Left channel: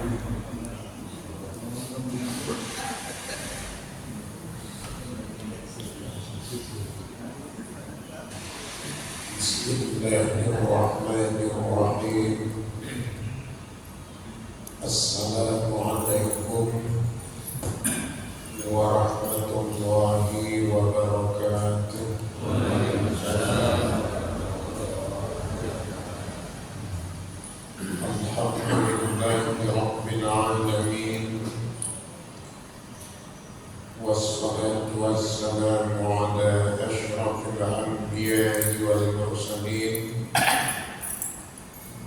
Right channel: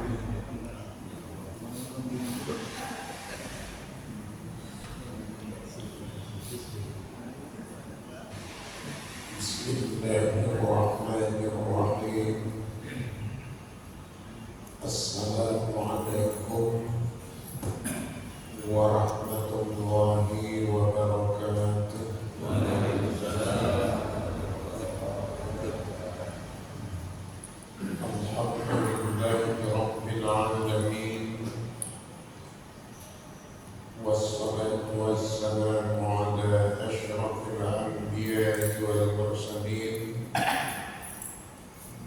Bismillahirrahmanirrahim. Assalamualaikum warahmatullahi wabarakatuh. Alhamdulillahi rabbil alamin. Wassalatu wassalamu ala asyrafil anbiya'i wal mursalin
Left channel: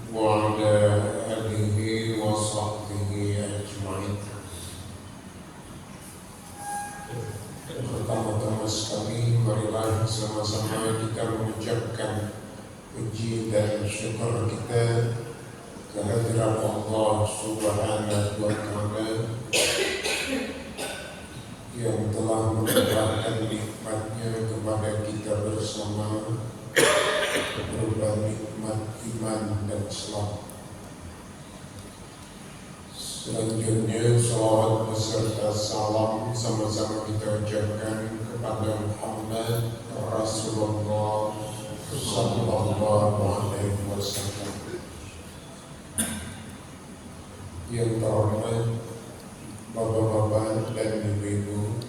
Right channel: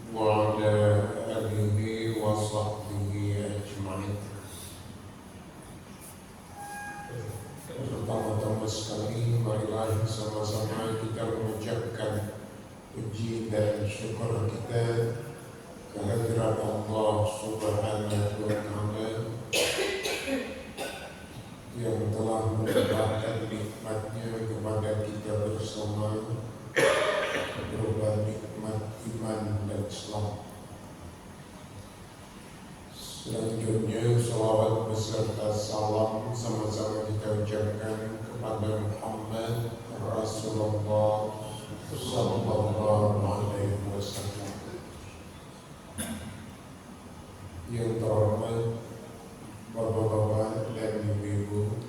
wa ala alihi wa sahbihi ajma'in. Pertama-tama sekali, marilah sama-sama kita mengucapkan puji dan syukur kita kehadirat Allah Subhanahu wa Ta'ala yang telah melimpahkan nikmatnya kepada kita bersama berupa nikmat iman dan Islam. Selanjutnya salawat beserta salam sama-sama kita ucapkan kepada Muhammad Rasulullah sallallahu alaihi wasallam. Yang terhormat bapak-bapak dan ibu-ibu,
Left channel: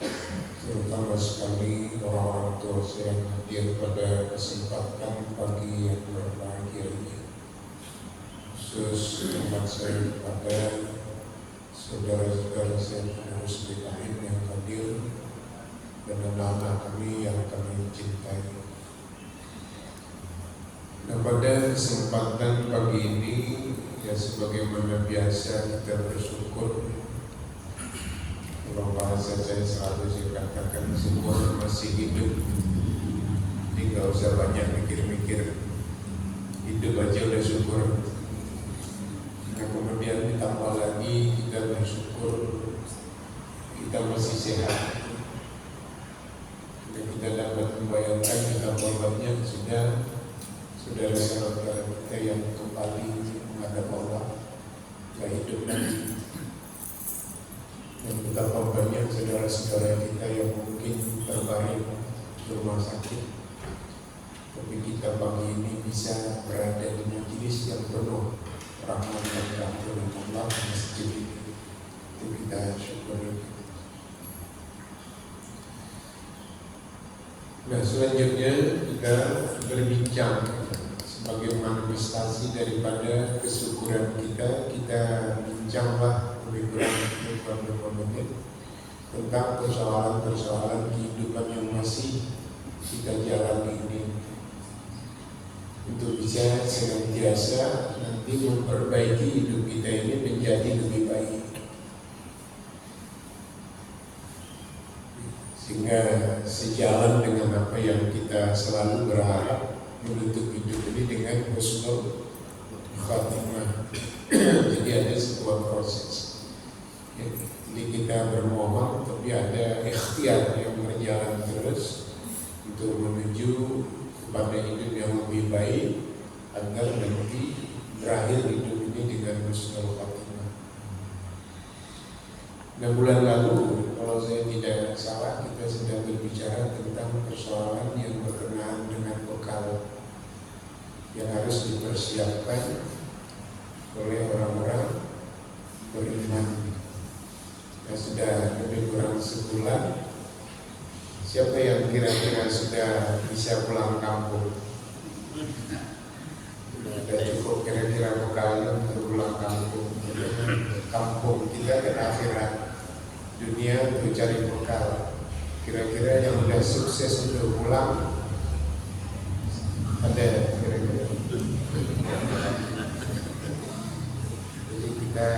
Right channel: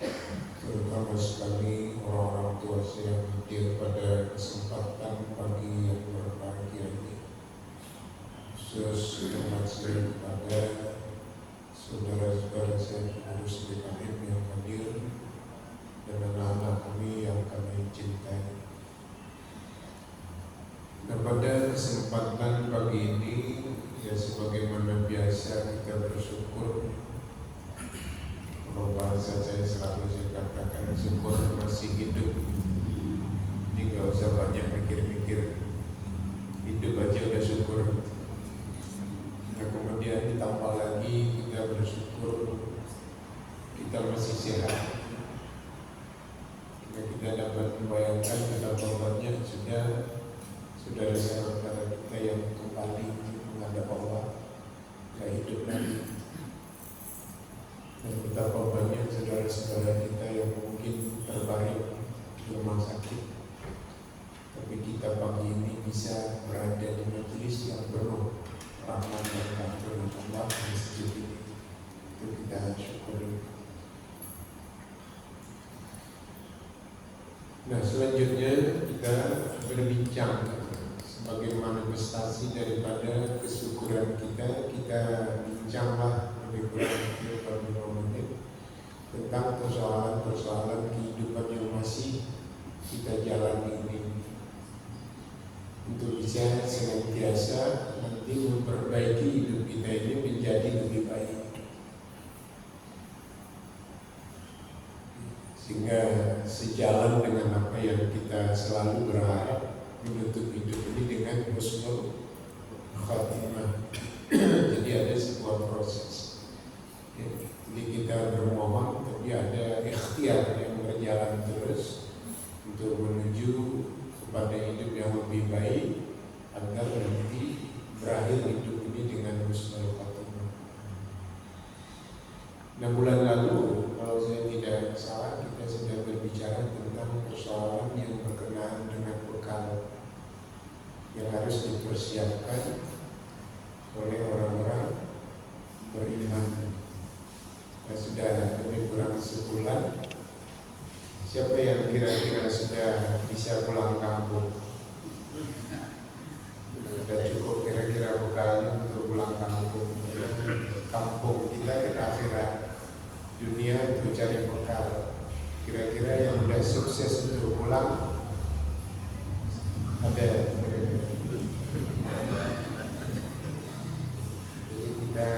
terutama sekali orang-orang tua saya yang hadir pada kesempatan pagi yang berbahagia ini. Khusus hormat saya kepada saudara-saudara saya pengurus DKM yang hadir dan anak-anak kami yang kami cintai. Nah, pada kesempatan pagi ini, ya sebagaimana biasa kita bersyukur. Kalau bahasa saya selalu saya katakan syukur masih hidup. Jadi gak usah banyak mikir-mikir, hidup aja udah syukur. Nah, kemudian ditambah lagi kita bersyukur kita masih sehat. Kita dapat membayangkan betapa banyak sudah saudara-saudara kita yang kembali menghadap Allah, yang hidup lagi. Dan betapa banyak saudara-saudara kita yang mungkin terbaring di rumah sakit, tapi kita pagi ini bisa berada di majelis yang penuh rahmat dan rahmat Allah di masjid ini. Itu kita syukuri. Nah, selanjutnya kita berbincang sebagai manifestasi daripada kesyukuran kita bincanglah lebih kurang 45 menit tentang persoalan-persoalan kehidupan yang masih kita jalani ini, untuk bisa senantiasa nanti memperbaiki hidup kita ini menjadi lebih baik, sehingga sejalan dengan apa yang kita selalu berharap menutup hidup ini dengan husnul khatimah. Jadi ada sebuah proses. Jadi kita bermohon, tapi ada ikhtiar yang berjalan terus untuk menuju kepada hidup yang lebih baik, agar nanti berakhir hidup ini dengan husnul khatimah. Nah, bulan lalu kalau saya tidak salah kita sedang berbicara tentang persoalan yang berkenaan dengan bekal yang harus dipersiapkan oleh orang-orang beriman. Nah, sudah lebih kurang sebulan. Siapa yang kira-kira sudah bisa pulang kampung? Sudah cukup kira-kira bekal untuk pulang kampung. Kampung kita kan akhirat, dunia untuk cari bekal. Kira-kira yang sudah sukses untuk pulang ada kira-kira. Jadi kita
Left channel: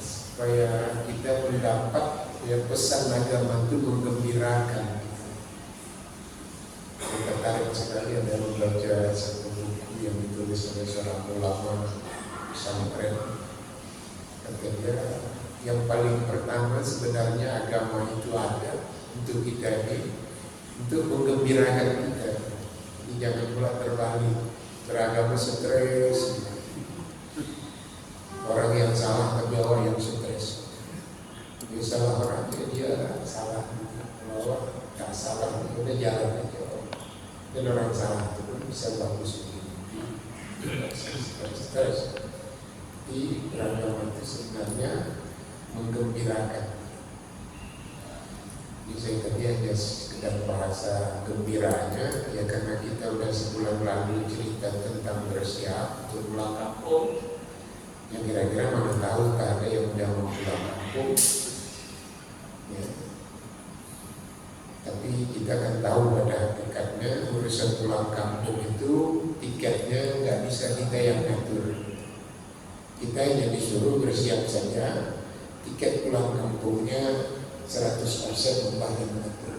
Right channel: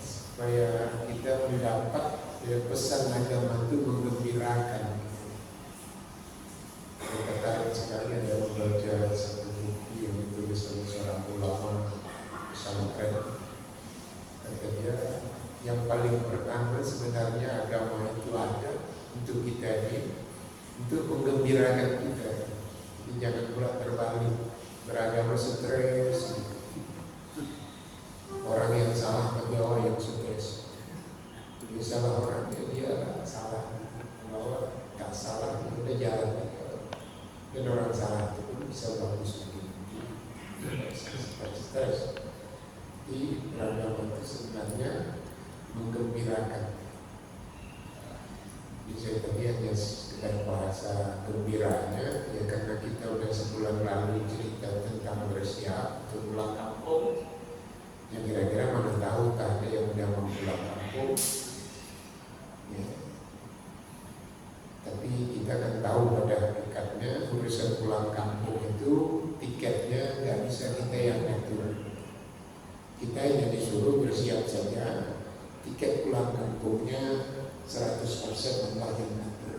supaya kita mendapat yang pesan agama itu menggembirakan. Saya tertarik sekali ada membaca satu buku yang ditulis oleh seorang ulama pesantren. Kata dia, yang paling pertama sebenarnya agama itu ada untuk kita ini, untuk menggembirakan kita. Jangan pula terbalik, beragama stres. Orang stres. Di beragama itu sebenarnya menggembirakan. Jadi saya tadi hanya sekedar bahasa gembiranya, ya karena kita udah sebulan lalu cerita tentang bersiap untuk pulang kampung. Yang kira-kira mana tahu tak ada yang udah mau pulang kampung. Ya. Tapi kita kan tahu pada hakikatnya urusan pulang kampung itu tiketnya nggak bisa kita yang ngatur. Kita hanya disuruh bersiap saja, tiket pulang kampungnya 100% Allah yang ngatur.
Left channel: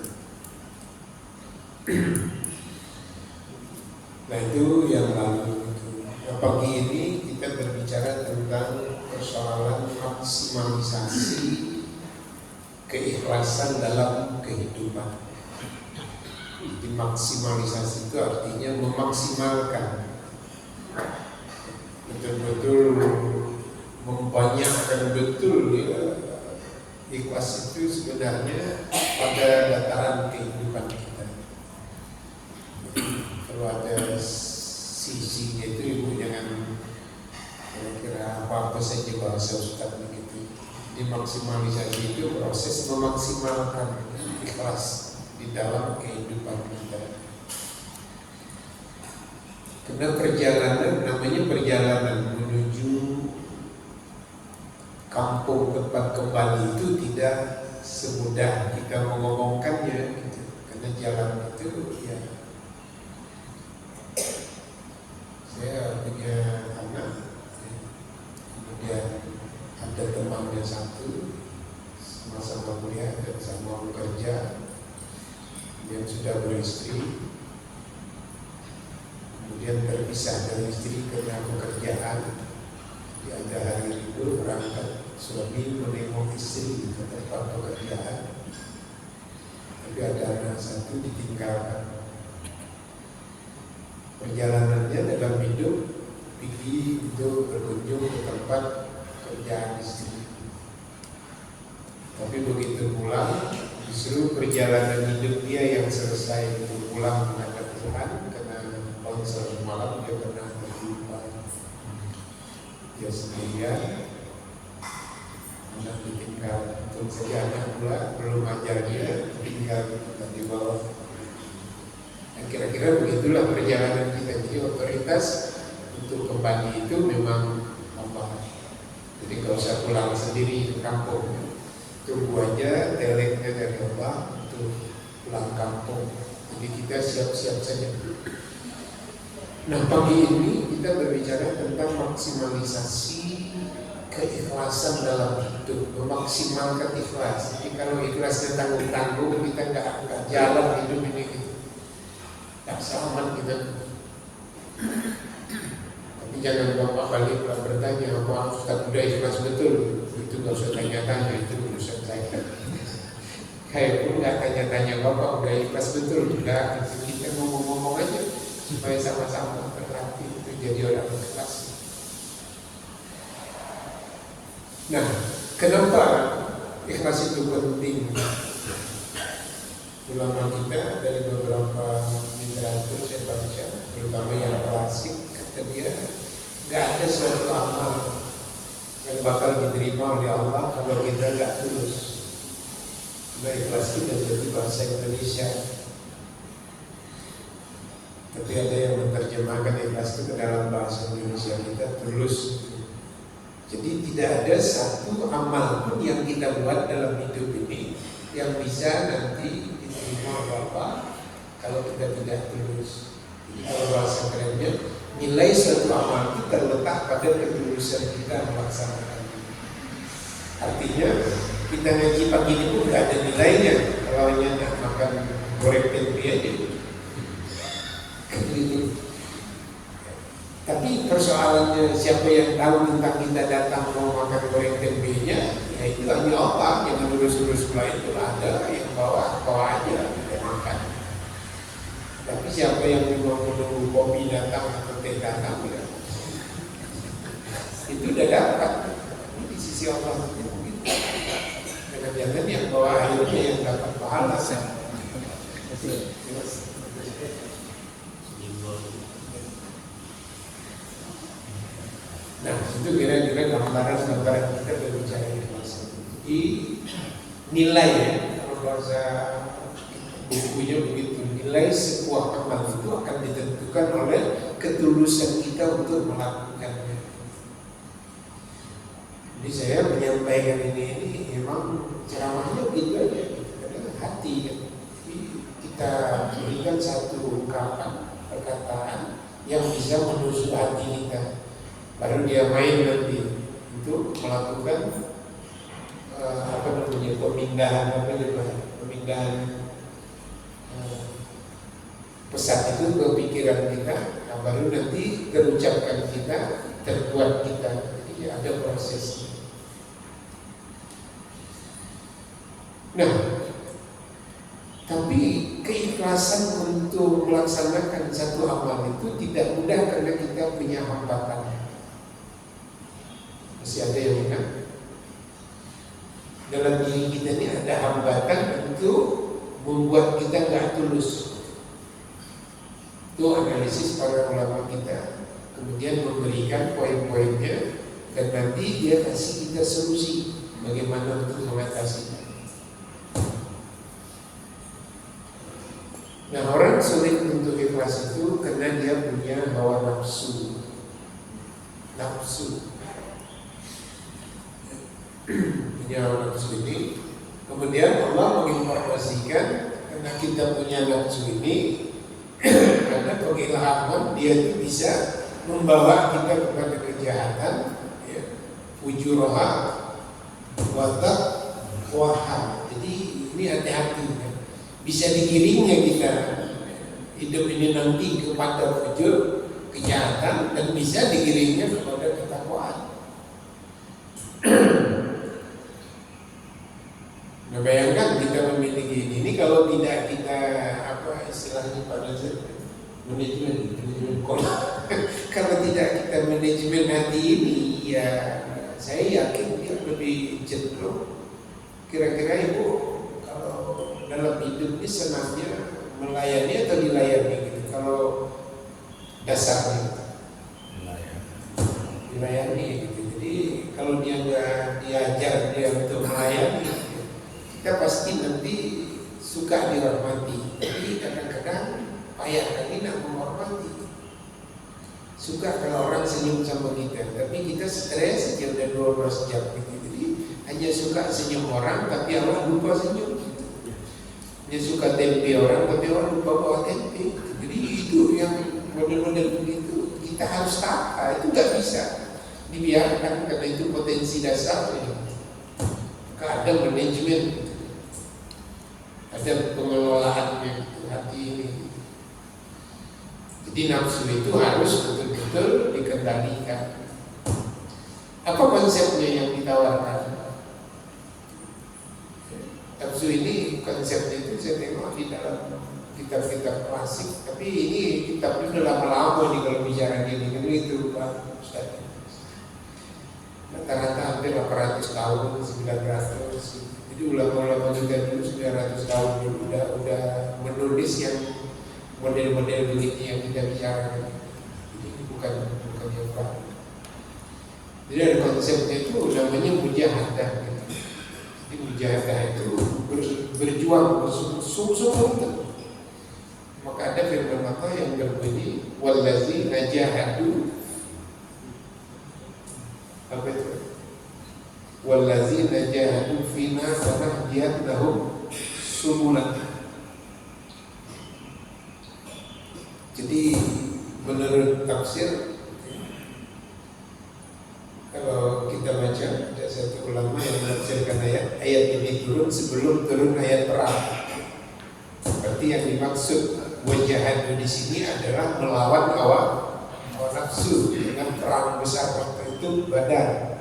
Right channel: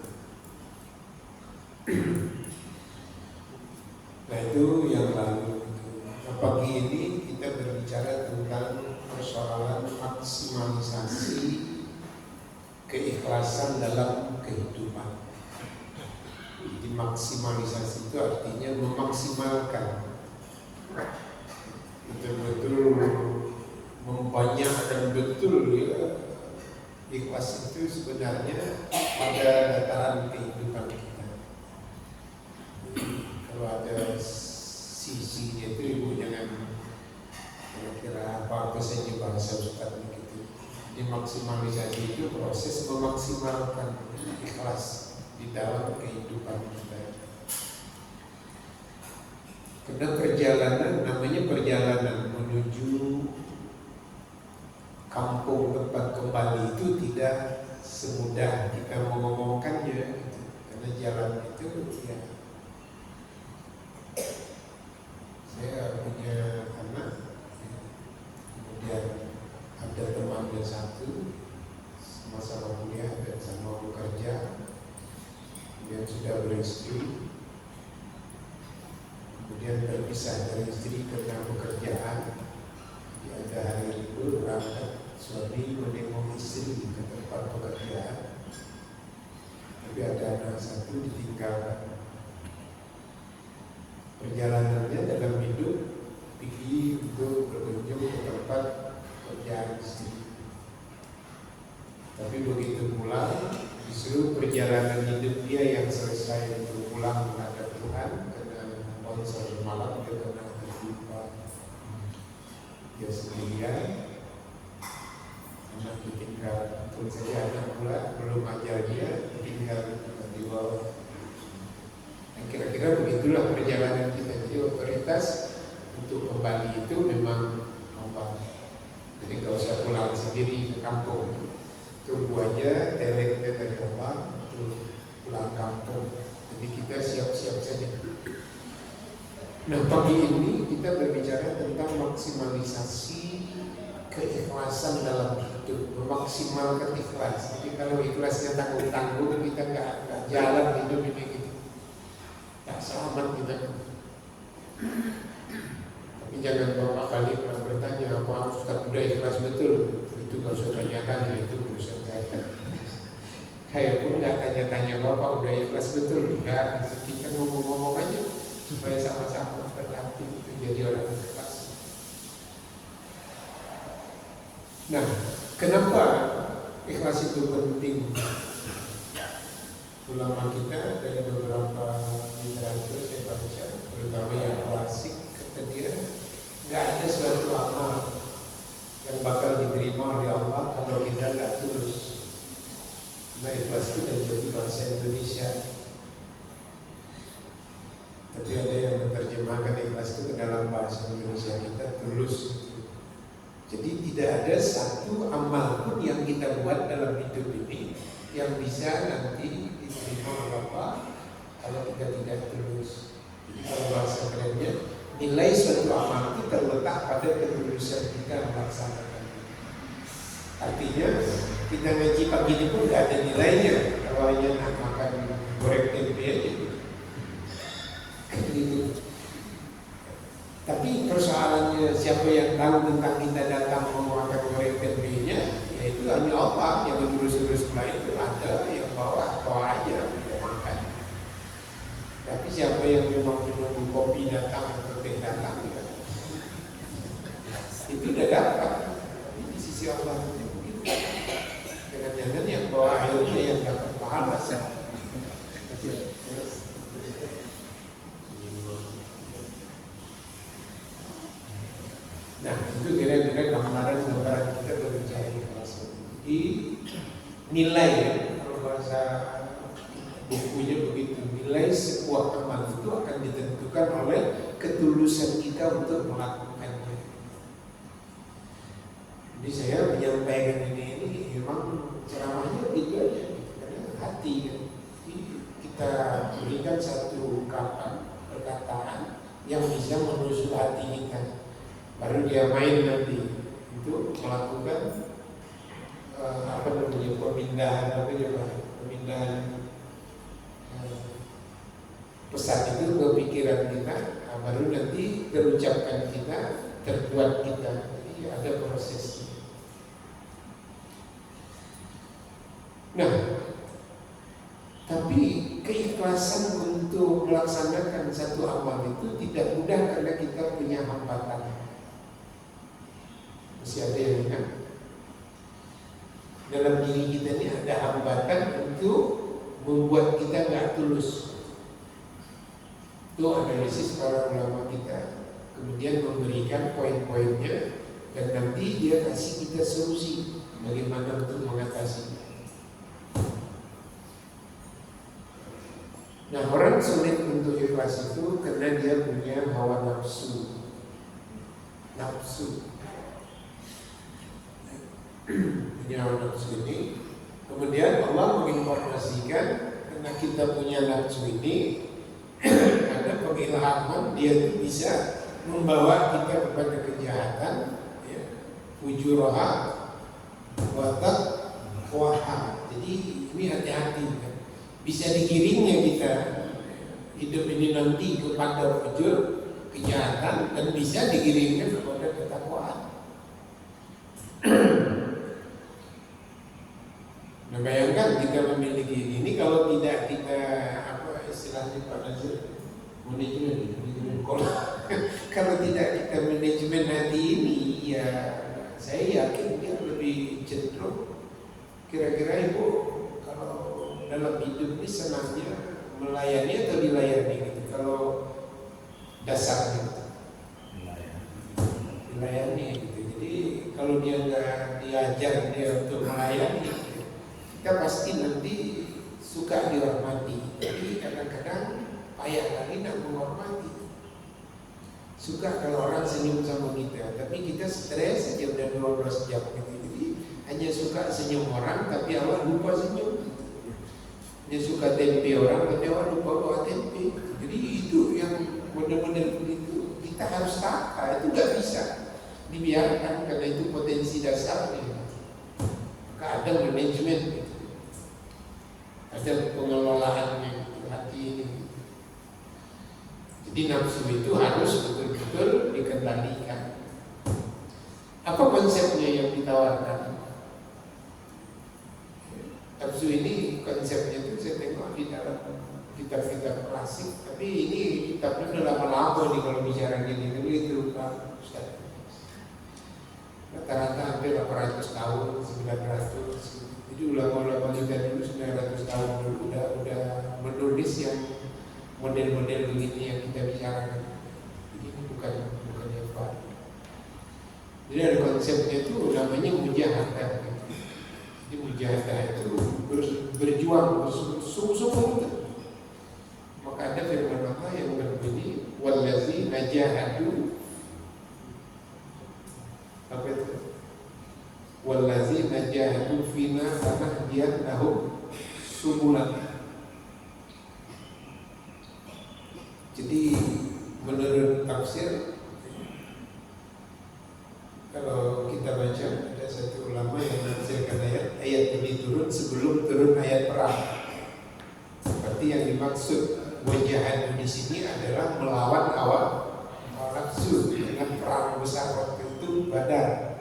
Nah itu yang lalu. Pagi ini kita berbicara tentang persoalan maksimalisasi keikhlasan dalam kehidupan. Jadi maksimalisasi itu artinya memaksimalkan, betul-betul membanyakkan betul ya. Ikhlas itu sebenarnya pada dataran kehidupan kita. Kalau ada sisinya itu ibu jangan kira-kira apa-apa saja bahasa Ustaz begitu. Di maksimalisasi itu proses memaksimalkan ikhlas di dalam kehidupan kita. Karena perjalanan namanya perjalanan menuju kampung tempat kembali itu tidak semudah kita mengomongkannya gitu. Karena jalan itu ya, saya punya anak ya. Kemudian ada temannya satu sama-sama kuliah dan sama bekerja, kemudian sudah beristri, kemudian terpisah dari istri karena pekerjaan. Dia ada hari libur berangkat, suami menengok istri ke tempat pekerjaan, tapi ada anak satu ditinggal. Perjalanannya dalam hidup pergi untuk berkunjung ke tempat kerjaan istri. Tapi begitu pulang, justru perjalanan hidup dia yang selesai untuk pulang menghadap Tuhan karena konser malam dia pernah terlupa. Dia sendirian, anak ditinggal, tentu saja anak pula belum ajar dia, ditinggal di bawah. Kira-kira begitulah perjalanan kita. Jadi otoritas untuk kembali itu memang Allah. Jadi gak usah pulang sendiri ke kampung. Tunggu aja teleknya dari Allah untuk pulang kampung. Jadi kita siap-siap saja. Nah pagi ini kita berbicara tentang maksimalisasi keikhlasan dalam hidup, memaksimalkan ikhlas. Jadi kalau ikhlasnya tanggung-tanggung kita nggak jalan hidup ini gitu. Selamat kita. Tapi jangan bapak balik lah bertanya apa Ustaz udah ikhlas betul. Itu gak usah tanya-tanya, itu urusan saya. Kayak pun gak tanya-tanya bapak udah ikhlas betul. Enggak, kita ngomong-ngomong aja supaya sama-sama berlatih untuk jadi orang ikhlas. Nah, kenapa ikhlas itu penting? Ulama kita dari beberapa literatur saya baca, terutama yang klasik, kata dia nggak ada suatu amal yang bakal diterima oleh Allah kalau kita nggak tulus. Nah ikhlas itu jadi bahasa Indonesia, tapi ada yang menerjemahkan ikhlas itu ke dalam bahasa Indonesia kita tulus. Jadi tidak ada satu amal pun yang kita buat dalam hidup ini yang bisa nanti diterima oleh Allah kalau kita tidak tulus. Jadi kalau bahasa kerennya, nilai suatu amal itu terletak pada ketulusan kita melaksanakan. Artinya kita ngaji pagi ini pun tidak ada nilainya kalau hanya nak makan goreng tempe aja. Tapi persoalannya siapa yang tahu tentang kita datang mau makan goreng tempe-nya, ya itu hanya Allah yang urus-urus lain itu ada yang bawa aja dia makan. Tapi siapa yang memang menunggu kopi datang atau teh datang ya, itu udah dapat. Tapi di sisi Allah itu jangan-jangan yang bawa airnya yang dapat pahala. Nah, itu kira-kira gambaran kita berbicara ikhlas. Jadi nilai ya, kalau bahasa bukunya begitu, nilai sebuah amal itu akan ditentukan oleh ketulusan kita untuk melakukannya. Jadi saya menyampaikan ini memang ceramahnya gitu aja, karena hati kan. Jadi kita berikan satu ungkapan, perkataan yang bisa menusuk hati kita. Baru dia main nanti itu melakukan pemindahan pesan itu ke pikiran kita. Nah, baru nanti terucapkan kita, terbuat kita. Jadi ada prosesnya. Nah, tapi keikhlasan untuk melaksanakan satu amal itu tidak mudah karena kita punya hambatan. Masih ada yang ingat? Dalam diri kita ini ada hambatan untuk membuat kita nggak tulus. Itu analisis para ulama kita, kemudian memberikan poin-poinnya dan nanti dia kasih kita solusi bagaimana untuk mengatasinya. Nah, orang sulit untuk ikhlas itu karena dia punya hawa nafsu. Punya hawa nafsu ini. Kemudian Allah menginformasikan karena kita punya nafsu ini ada pengilhaman, dia itu bisa membawa kita kepada kejahatan, ya, fujuroha watak waha. Jadi ini hati-hati ya. Bisa digiringnya kita hidup ini nanti kepada fujur, kejahatan, dan bisa digiringnya kepada ketakwaan. Nah, bayangkan kita memiliki ini kalau tidak kita istilahnya pada manajemen kalau tidak kita manajemen hati ini, ya saya yakin dia lebih cenderung kira-kira ibu kalau dalam hidup ini senangnya melayani atau dilayani gitu. Kalau dasarnya dilayani gitu. Jadi kalau dia nggak diajar dia untuk melayani, kita pasti nanti suka dirahmati. Tapi kadang-kadang payah kali nak menghormati. Suka kalau orang senyum sama kita, tapi kita stres saja udah 12 jam gitu. Jadi hanya suka senyum orang, tapi awak lupa senyum gitu. Dia suka tempe orang, tapi awak lupa bawa tempe. Jadi itu yang model-model begitu kita harus tata. Itu nggak bisa dibiarkan karena itu potensi dasar ini. Ada manajemen gitu. Ada pengelolaan hati ini. Jadi nafsu itu harus betul-betul dikendalikan. Apa konsepnya yang ditawarkan? Nafsu ini konsepnya itu saya tengok di dalam kitab-kitab klasik. Tapi ini kitabnya sudah lama-lama nih kalau bicara gini itu Pak Ustaz. Rata-rata hampir 800 tahun, 900. Jadi ulama-ulama kita dulu 900 tahun dulu udah menulis yang model-model begini yang kita bicarakan. Ini bukan yang baru. Jadi ada konsepnya itu namanya mujahadah gitu. Jadi mujahadah itu berjuang bersungguh-sungguh. Maka ada firman Allah yang berbunyi wallazi najahadu, apa itu? Wallazina jahadu fina lanahdiyannahum subulana. Jadi menurut tafsir, kalau kita baca ada satu ulama yang menafsirkan ayat ini turun sebelum turun ayat perang. Berarti yang dimaksud wajahadu di sini adalah melawan hawa nafsu dengan perang besar waktu itu Badar.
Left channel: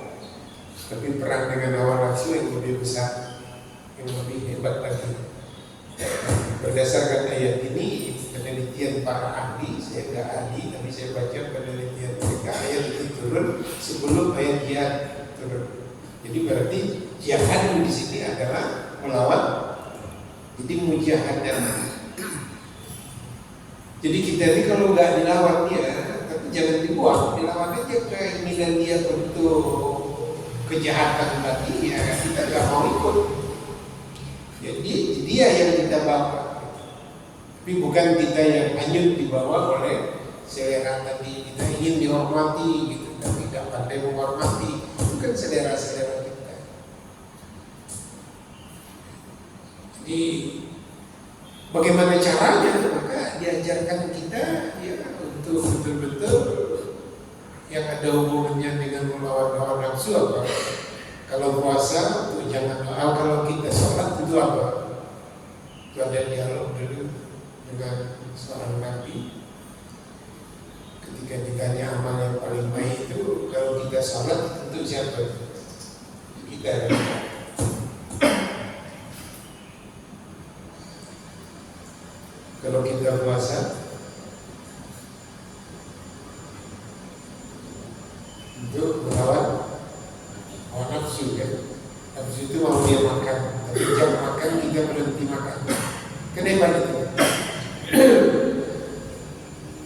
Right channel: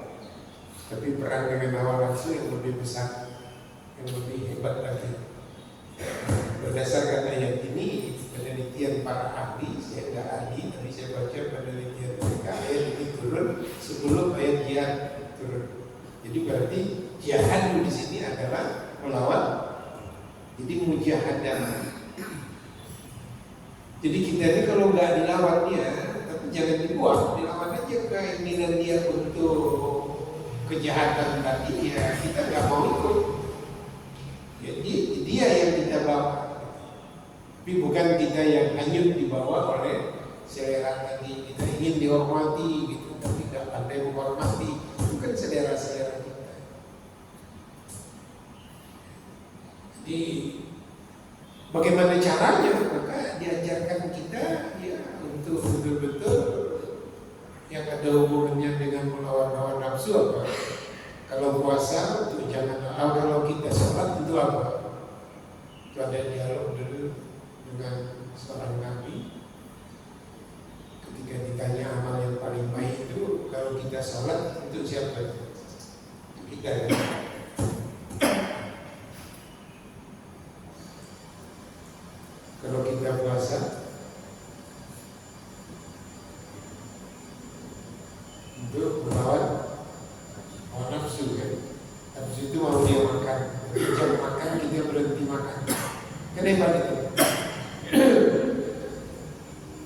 Tapi perang dengan hawa nafsu yang lebih besar, yang lebih hebat lagi. Berdasarkan ayat ini, penelitian para ahli, saya nggak ahli, tapi saya baca penelitian mereka, ayat itu turun sebelum ayat jihad turun. Jadi berarti jihad di sini adalah melawan. Jadi mujahadah. Jadi kita ini kalau nggak dilawan dia, tapi jangan dibuang, dilawan aja keinginan dia untuk kejahatan tadi, ya kita nggak mau ikut. Jadi dia yang kita bawa, tapi bukan kita yang hanyut dibawa oleh selera tadi. Kita ingin dihormati gitu, tapi tidak pandai menghormati, bukan selera-selera kita. Jadi bagaimana caranya? Maka diajarkan kita ya untuk betul-betul yang ada hubungannya dengan melawan hawa nafsu apa? Kalau puasa itu jangan doa, kalau kita sholat itu apa? Itu ada dialog dulu dengan seorang nabi. Ketika ditanya amal yang paling baik itu, kalau kita sholat untuk siapa? Kita kan? Kalau kita puasa untuk melawan hawa nafsu kan. Nafsu itu mau dia makan, tapi jam makan kita berhenti makan. Kenapa itu?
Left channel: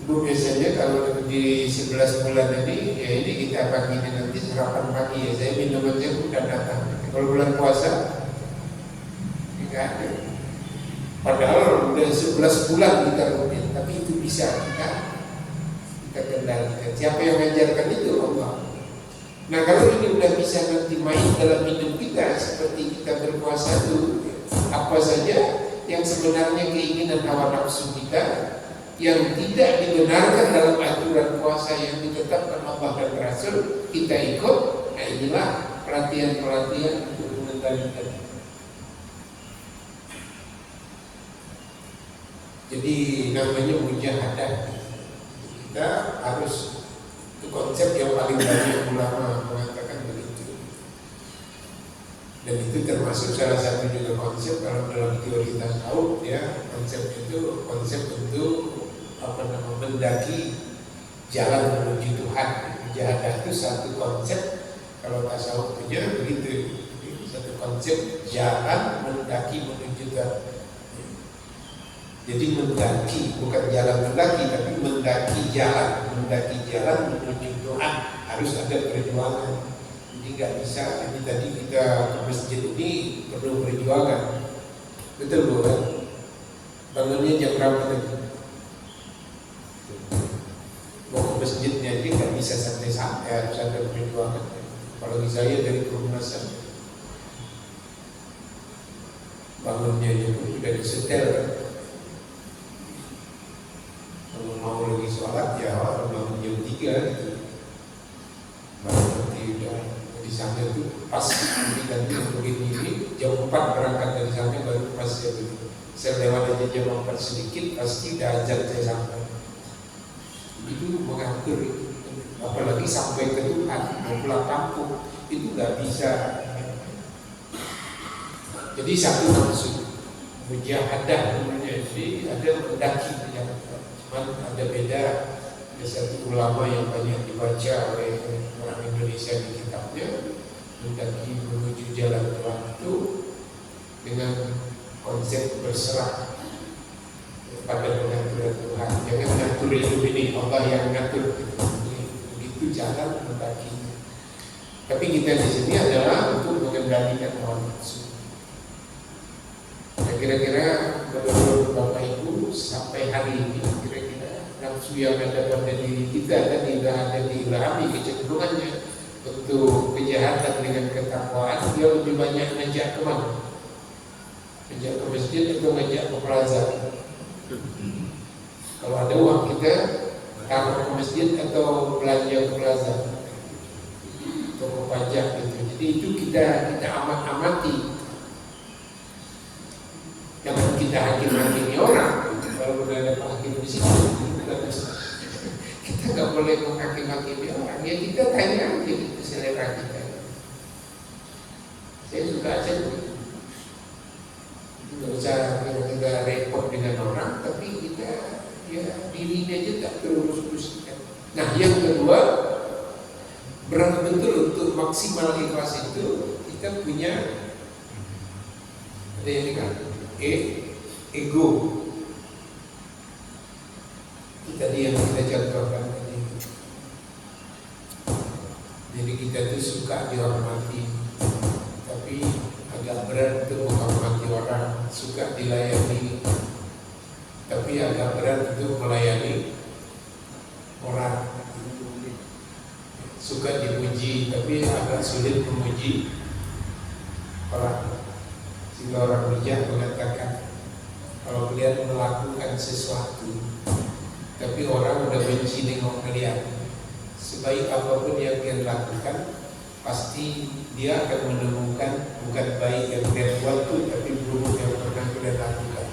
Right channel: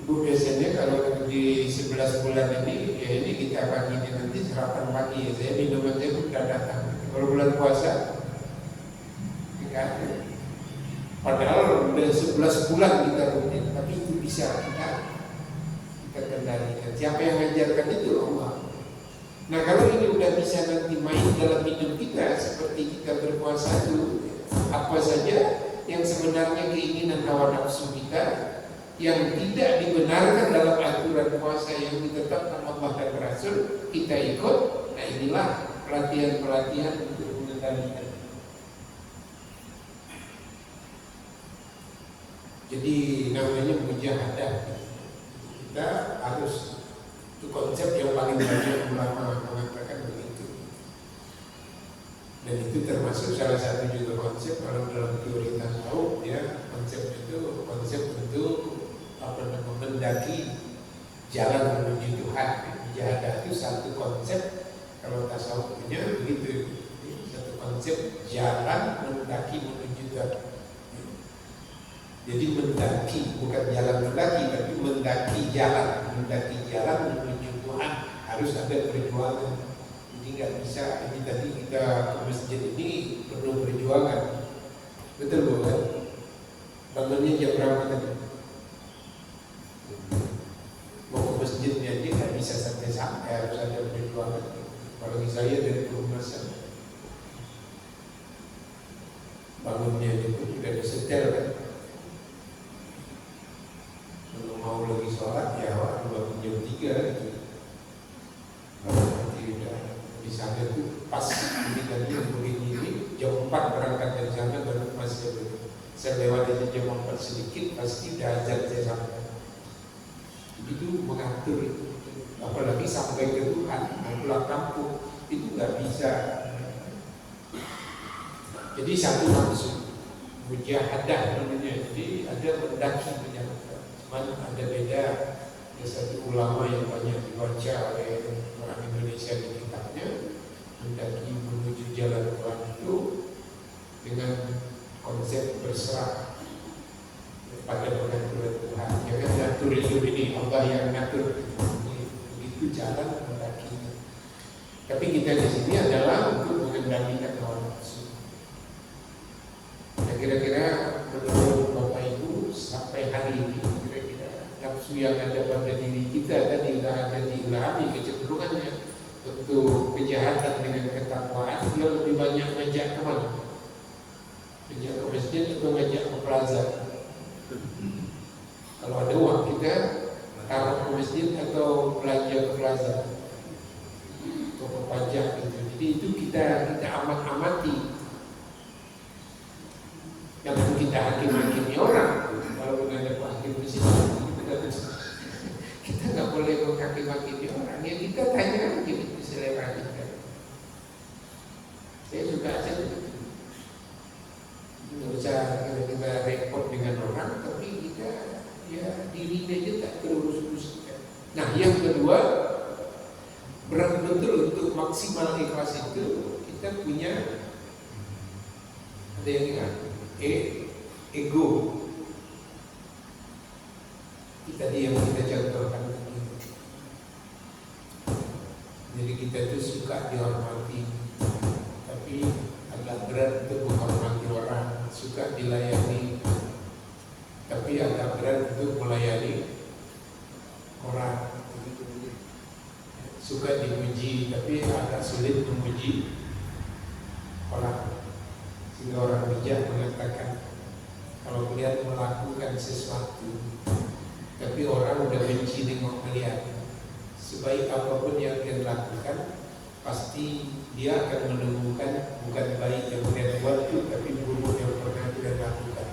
Bu biasanya kalau di 11 bulan tadi, ya ini kita pagi ini nanti sarapan pagi ya. Saya minum aja bukan datang. Kalau bulan puasa, tidak ada. Padahal udah 11 bulan kita rutin, tapi itu bisa kita kendalikan. Siapa yang mengajarkan itu? Allah. Nah kalau ini udah bisa nanti main dalam hidup kita, seperti kita berpuasa itu, apa saja yang sebenarnya keinginan hawa nafsu kita yang tidak dibenarkan dalam aturan puasa yang ditetapkan Allah dan Rasul, kita ikut. Nah inilah pelatihan-pelatihan untuk mengendalikan. Jadi namanya mujahadah. Kita harus, itu konsep yang paling banyak ulama mengatakan begitu. Dan itu termasuk salah satu juga konsep dalam teori tasawuf ya. Konsep itu konsep untuk mendaki jalan menuju Tuhan. Mujahadah itu satu konsep, kalau tasawuf punya begitu. Satu konsep jalan mendaki menuju Tuhan. Jadi mendaki, bukan jalan mendaki, tapi mendaki jalan menuju Tuhan. Harus ada perjuangan. Jadi nggak bisa, ini tadi kita ke masjid ini perlu perjuangan. Betul bukan? Bangunnya jam berapa tadi? Mau ke masjidnya aja nggak bisa santai-santai, harus ada perjuangan. Apalagi saya dari perumahan, bangunnya aja pun juga disetel kan. Kalau mau lagi sholat ya orang bangun jam 3 gitu. Baru nanti udah di sana tuh pas ini tadi begini jam 4 berangkat dari sana baru pas ya gitu. Saya lewat aja jam 4 sedikit pasti udah azan saya sampai. Itu mengatur, apalagi sampai ke Tuhan mau pulang kampung itu nggak bisa. Jadi satu maksud mujahadah namanya. Jadi ada mendaki yang ada beda. Ada satu ulama yang banyak dibaca oleh orang Indonesia di kitabnya, mendaki menuju jalan Tuhan itu dengan konsep berserah pada pengaturan Tuhan. Jangan ngatur hidup ini, Allah yang ngatur. Begitu jalan mendaki. Tapi kita di sini adalah untuk mengendalikan hawa nafsu. Nah, kira-kira menurut Bapak Ibu sampai hari ini kira-kira nafsu yang ada pada diri kita dan tidak ada diilhami kecenderungannya untuk kejahatan dengan ketakwaan, dia lebih banyak ngajak kemana? Ngajak ke masjid atau ngajak ke plaza? Kalau ada uang kita taruh ke masjid atau belanja ke plaza, toko pajak gitu. Jadi itu kita amati. Jangan kita hakim-hakimi orang. Kalau udah ada Pak Hakim di sini, kita nggak boleh menghakim-hakimi orang. Ya kita tanya aja gitu selera kita. Saya suka aja begitu. Tidak usah kita repot dengan orang, tapi kita ya dirinya aja tak terurus-uruskan. Nah yang kedua, betul untuk maksimal ikhlas itu kita punya ada yang kan ego. Itu tadi yang kita contohkan tadi. Jadi kita tuh suka dihormati, tapi agak berat untuk menghormati orang. Suka dilayani, tapi agak berat untuk melayani orang. Suka dipuji, tapi agak sulit memuji orang. Sehingga orang bijak mengatakan, kalau kalian melakukan sesuatu tapi orang udah benci nengok kalian, sebaik apapun yang kalian lakukan, pasti dia akan menemukan bukan baik yang kalian buat itu, tapi buruk yang pernah kalian lakukan.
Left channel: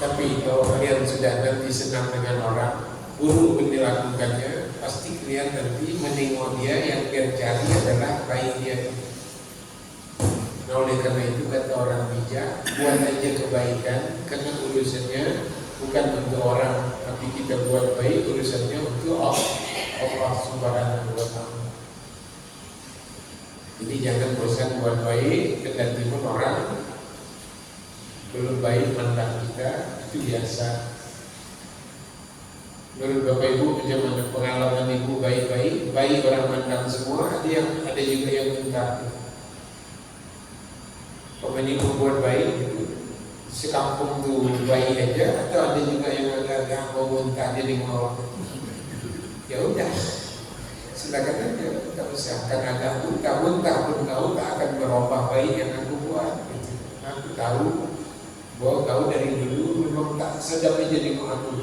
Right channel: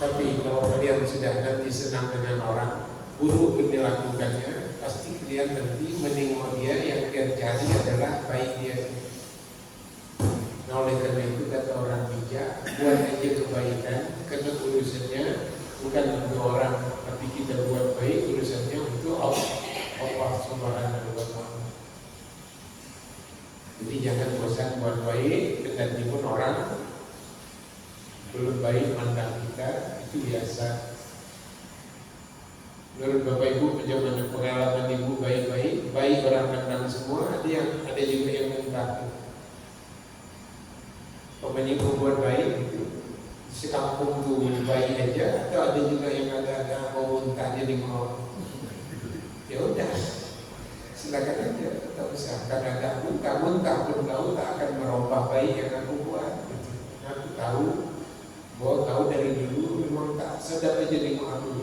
Tapi kalau kalian sudah nanti senang dengan orang, buruk pun dilakukannya, pasti kalian nanti menengok dia yang kalian cari adalah baik dia. Nah, oleh karena itu kata orang bijak, buat aja kebaikan, karena urusannya bukan untuk orang, tapi kita buat baik, urusannya untuk Allah Subhanahu wa Ta'ala. Jadi jangan bosan buat baik, kegantian orang belum baik mandang kita, itu biasa. Menurut Bapak Ibu, bagaimana pengalaman Ibu baik orang mandang semua, ada juga yang minta. Pokoknya membuat baik gitu, sekampung tuh baik aja, atau ada juga yang agak-agak mau muntah jadi ngorok. Ya udah, silakan aja, tak usah. Karena agak muntah pun kau tak akan merubah baik yang aku buat. Gitu. Aku tahu bahwa kau dari dulu memang tak sedap aja dengan aku.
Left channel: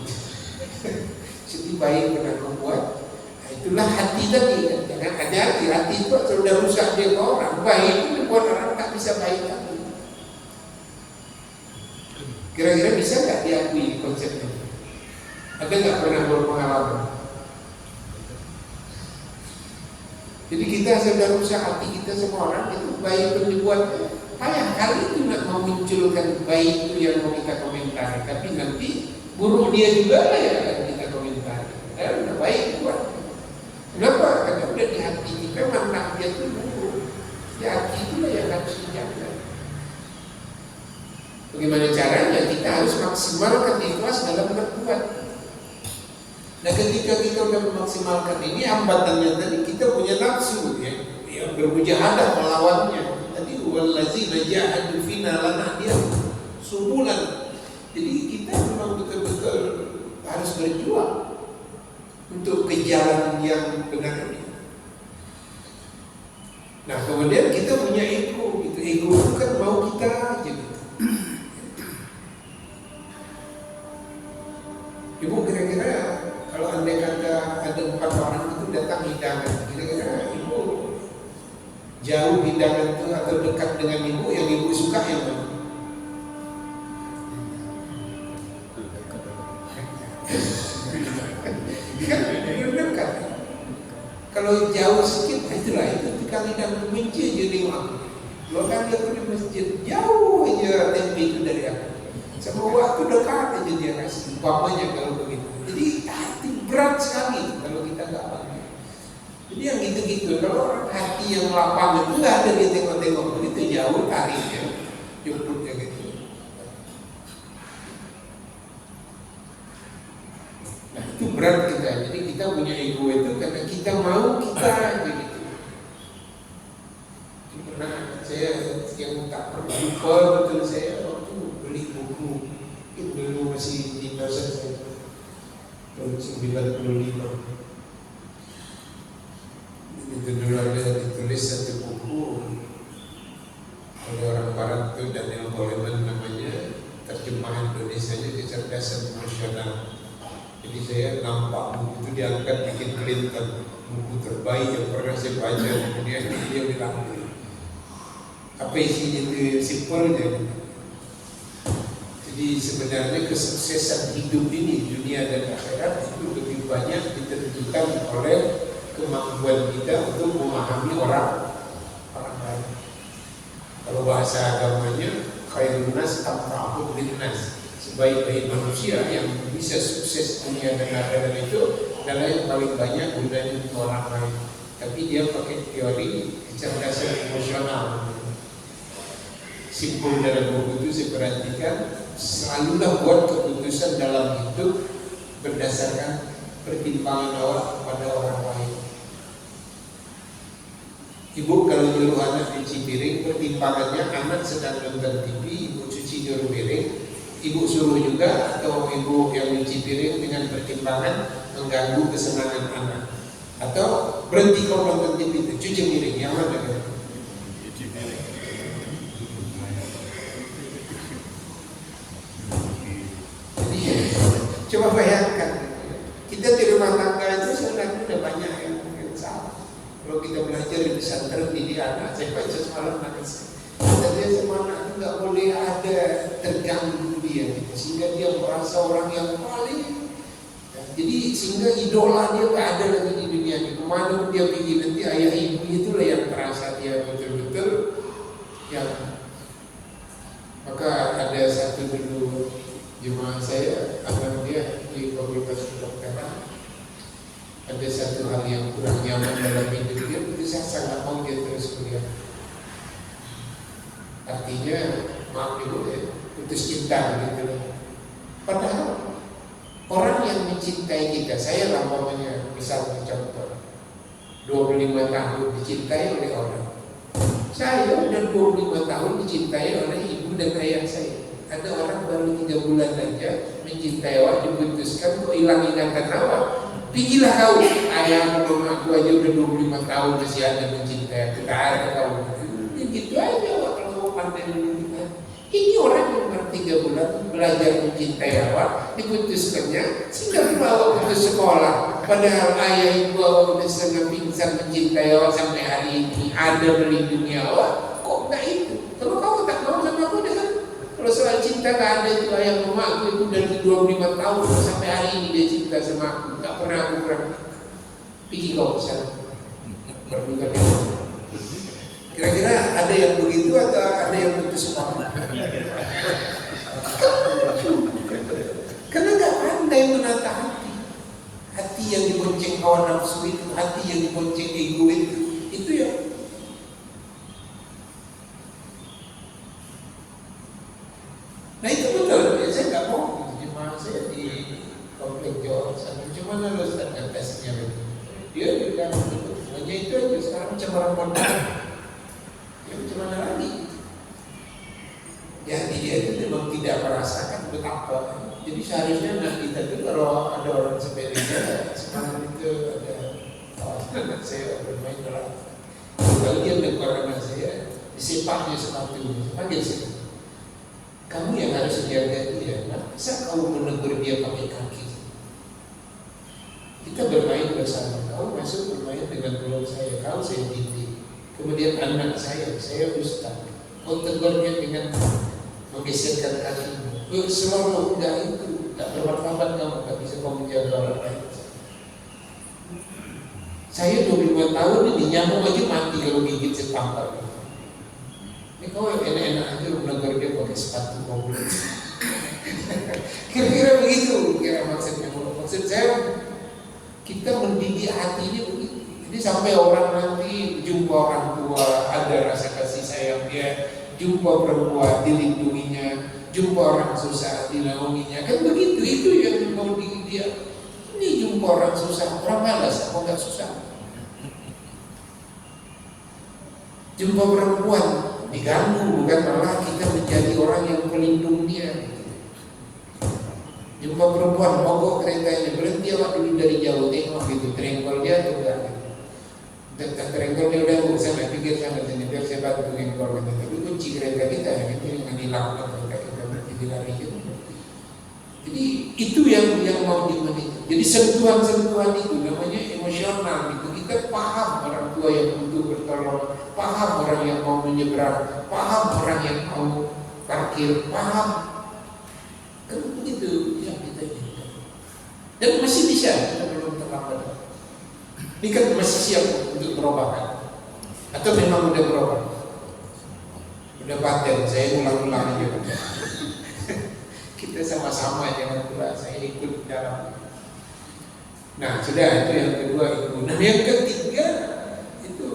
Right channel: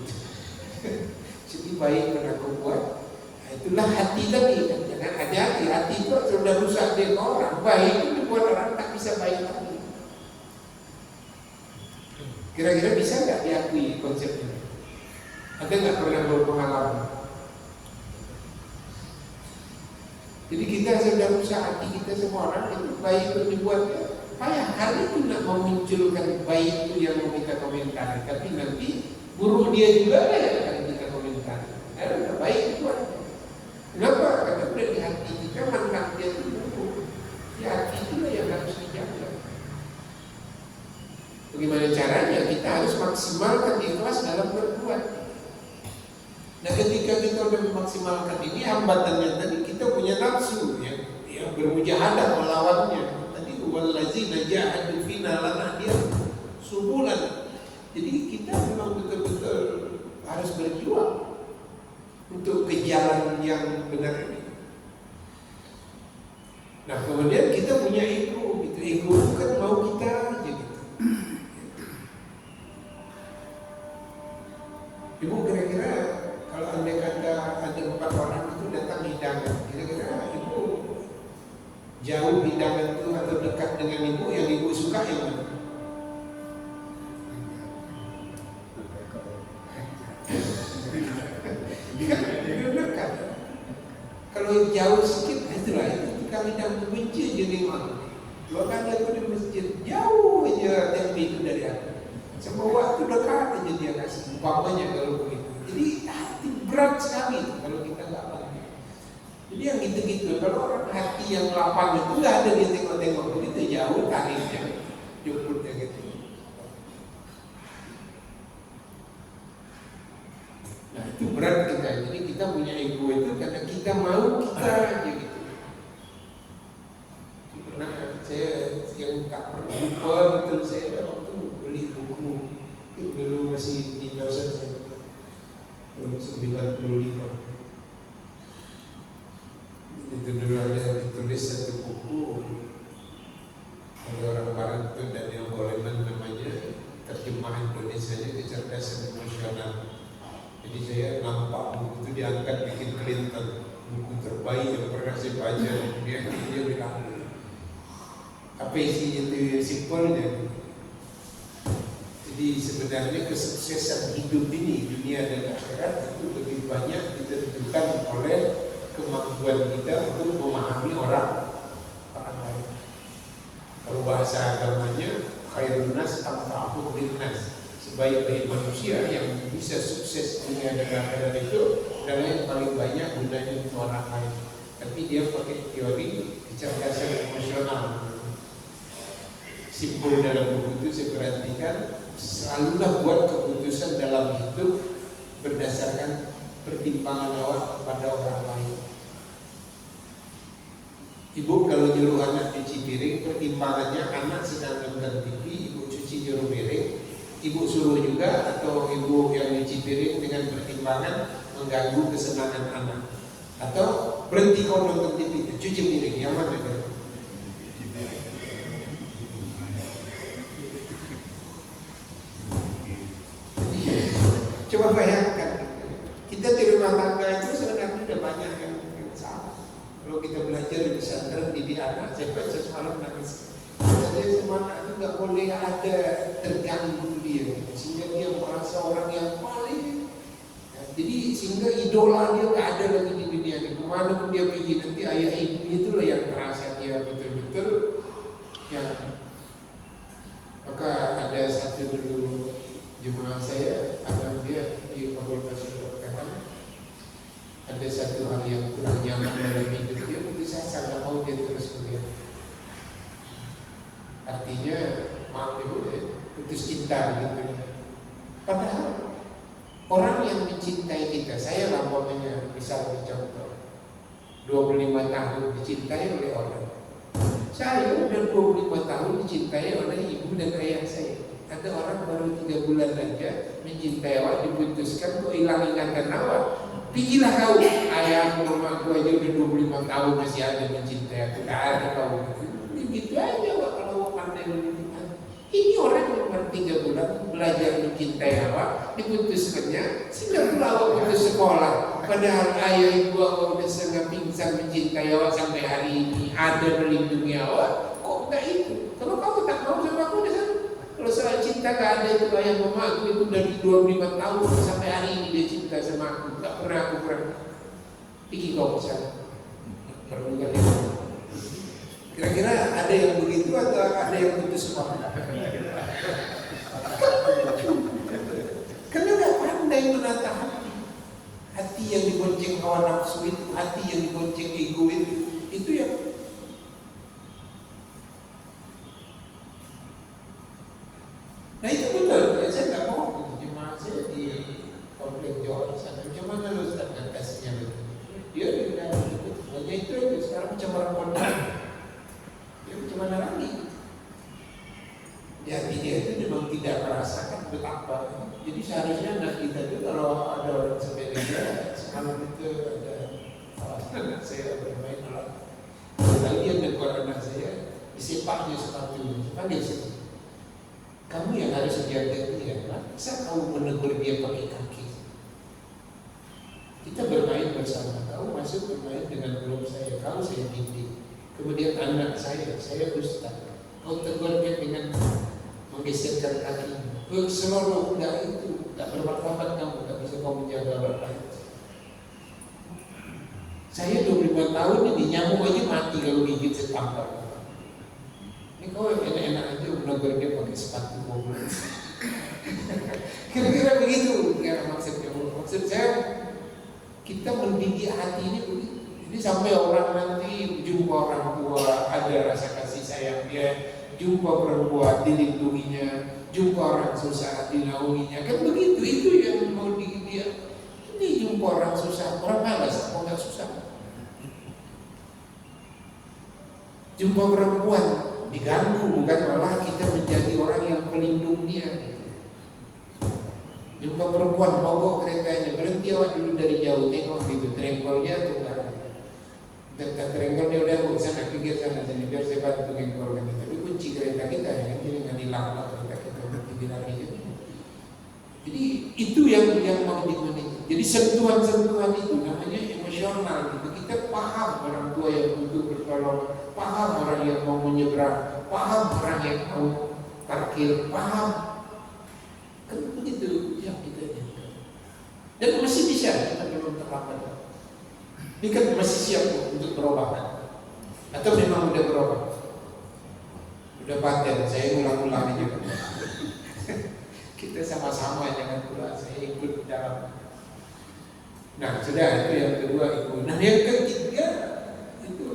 Jadi baik yang aku buat. Nah, itulah hati tadi. Jangan ada hati itu sudah rusak dia ke orang. Baik itu buat orang tak bisa baik lagi. Kira-kira bisa nggak diakui konsep ini? Ada nggak pernah berpengalaman? Jadi kita sedang usaha hati kita semua orang itu baik itu dibuat payah kali itu nak memunculkan baik itu yang mau kita komentari, tapi nanti buruk dia juga lah yang akan kita komentari. Dan baik buat. Kenapa? Karena udah di hati kita mana dia itu buruk. Di hati itulah yang harus dijaga. Bagaimana caranya? Kita harus maksimalkan ikhlas dalam berbuat. Nah, ketika kita sudah memaksimalkan ini, hambatannya tadi kita punya nafsu yang bermujahadah melawannya. Tadi wallazina jahadu fina lanahdiyahum subulan. Jadi kita memang betul-betul harus berjuang untuk ke jalan yang benar ini. Nah, kemudian kita punya ego. Ego itu kan mau kita aja gitu. Ibu kira-kira kalau andai kata ada 4 orang itu datang hidangan, kira-kira ibu jauh hidangan itu atau dekat dengan ibu yang ibu suka itu? Kan dekat. Kalau jauh sedikit, itulah itu. Kalau yang benci jadi aku. Kalau kan aku di masjid jauh aja tapi itu dari aku. Sama waktu dekat aja dia kasih bapaknya kalau begitu. Jadi hati berat sekali kalau kita nggak paham. Jadi yang gitu-gitu, kalau orang hati yang lapang itu nggak ada dia tengok-tengok begitu jauh tariknya, jemput kayak gitu. Nah itu berat kita. Jadi kita punya ego itu karena kita mau kita aja gitu. Karena saya yang tak pernah lupa betul saya waktu beli buku itu dulu masih di dosen saya tahun 95. Itu dulu ada ditulis satu buku oleh orang Barat itu Daniel Goleman namanya, terjemahan Indonesianya Kecerdasan Emosional. Jadi saya nampak buku itu diangkat bikin Clinton, buku terbaik yang pernah saya baca. Kemudian dia bilang apa isinya itu simpelnya. Jadi sebenarnya kesuksesan hidup ini, dunia dan akhirat itu lebih banyak ditentukan oleh kemampuan kita untuk memahami orang lain. Kalau bahasa agamanya khairun nas anfa'uhum linnas, sebaik-baik manusia yang bisa sukses dunia dan akhirat itu adalah yang paling banyak gunanya untuk orang lain. Tapi dia pakai teori kecerdasan emosional. Simpul dalam buku itu saya perhatikan, selalulah buat keputusan dalam hidup berdasarkan pertimbangan awak pada orang lain. Ibu kalau nyuruh anak cuci piring, pertimbangannya anak sedang nonton TV, ibu cuci nyuruh piring, ibu suruh juga, atau ibu yang cuci piring dengan pertimbangan mengganggu kesenangan anak, atau berhenti kau nonton TV itu, cuci piring, yang mana kan? Cuci piring. Coba bayangkan, kita di rumah tangga itu sebenarnya ada banyak yang salah. Kalau kita belajar di pesantren didik anak, saya baca semalam nangis. Dia sama anak itu nggak boleh ada terganggu dia, sehingga dia merasa orang yang paling. Jadi sehingga idola dia nggak ada lagi di dunia ini. Kemana dia pergi nanti ayah ibu itulah yang terasa dia betul-betul yang. Maka ada satu dulu jemaah saya, anak dia di Fakultas Kedokteran, ada satu hal yang kurang nyaman dalam hidup dia, itu saya sangat mau dia terus kuliah. Artinya, maaf dulu ya, putus cinta gitu. Padahal orang yang mencintai kita, saya lah umpamanya misalnya contoh 25 tahun dicintai oleh orang. Saya udah 25 tahun dicintai oleh ibu dan ayah saya. Ada orang baru 3 bulan aja mencintai awak, diputuskan kok hilang ingatan awak. Pigilah kau, ayah mama aku aja udah 25 tahun masih ada mencintai aku, tak ada kau. Ya gitu aja awak kalau pandai mencintai. Ini orang yang baru 3 bulan belajar mencintai awak, diputuskannya sehingga awak putus sekolah. Padahal ayah ibu awak udah setengah pingsan mencintai awak sampai hari ini, ada melindungi awak. Kok enggak itu? Kalau kau tak mau sama aku dengan kalau soal cinta gak ada itu, ayah mama aku itu dari 25 tahun sampai hari ini dia cinta sama aku. Gak pernah aku perang. Pergi kau kesana. Berbuka dia. Kira-kira ada yang begitu atau ada yang putus sekolah? Karena gak pandai menata hati. Hati yang dibonceng hawa nafsu itu, hati yang dibonceng ego itu yang nah itu betul, ya, saya nggak mau jemaah saya di komplek Jawa sana, cuma lalu setengah tesnya betul. Dia juga betul, hanya itu aja sekarang macam orang pandang, dia macam mana lagi? Jadi dia itu memang tidak merasakan betapa. Jadi seharusnya anak kita itu kalau ada orang sepeda, semalam itu ada anak saya bermain bola, lalu dia menegur anak saya, disepaknya sepatunya, panggil saya. Kamu yang harus jaga dia, masa kamu menegur dia pakai kaki? Kita bermain bersama, kau masuk bermain dengan belum saya, kau saya didik. Kemudian anak saya ustaz, kau tegurnya dengan menggeserkan kakimu. Selalu enggak itu, tak bermartabat kamu, tak bisa kau menjaga orang lain. Saya 25 tahun ini nyamuk aja mati kalau gigit setampar. Ini kau enak-enak aja menegur dia pakai sepatu mobil. Kira-kira begitu kira maksudnya. Maksud saya kita mendidik hati ini begitu. Jadi sampai orang nanti jumpa orang tua ada rasa kasih sayang dia, jumpa perempuan dilindunginya, jumpa orang susah dinaunginya. Kan begitu, itu yang mau dia. Ini jumpa orang susah, orang malas, kok nggak susah. Jumpa perempuan diganggu, bukan malah kita menjadi orang yang pelindung dia. Jumpa perempuan mogok keretanya, berhenti awak dulu dari jauh, tengok gitu, terengkol dia tuh enggak. Dekat terengkolnya udah gak usah pikir sana sini, biar saya bantu terengkol gitu. Tapi kunci kereta kita itu yang hilang ketika kita berhenti lari gitu. Jadi itu yang mau dimiliki. Jadi sentuhan-sentuhan itu namanya emosional itu. Kita paham orang tua yang butuh bertolong, paham orang yang mau menyeberang, paham orang yang mau parkir, paham. Kan begitu yang kita inginkan. Dan masih bisa, kita belum terlambat. Ini kan masih siap untuk berubah, atau memang udah berubah? Udah paten, saya ulang-ulang aja. Kita sama-sama jangan pula saya ikut dalam. Nah sudah, itu yang kedua itu. Nah yang ketiga itu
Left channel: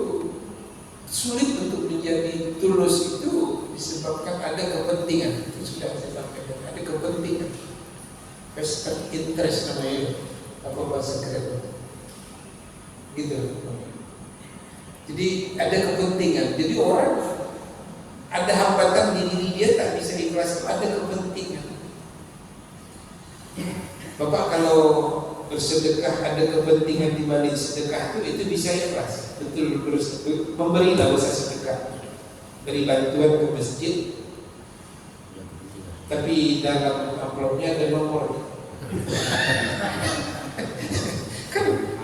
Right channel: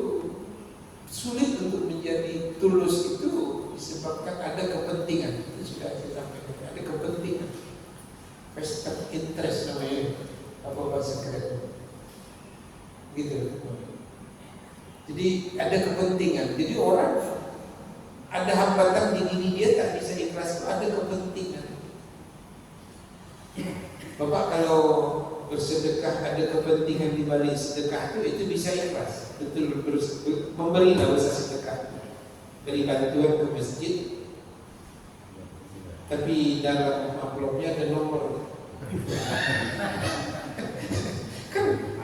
sulit untuk menjadi tulus itu disebabkan ada kepentingan. Itu sudah saya sampaikan, ada kepentingan, vested interest namanya. apa bahasa keren gitu. Jadi ada kepentingan. Jadi orang ada hambatan di diri dia tak bisa ikhlas, ada kepentingan. Bapak kalau bersedekah ada kepentingan di balik sedekah itu bisa ikhlas. Betul, memberilah usaha sedekah, beri bantuan ke masjid, tapi dalam amplopnya ada nomor.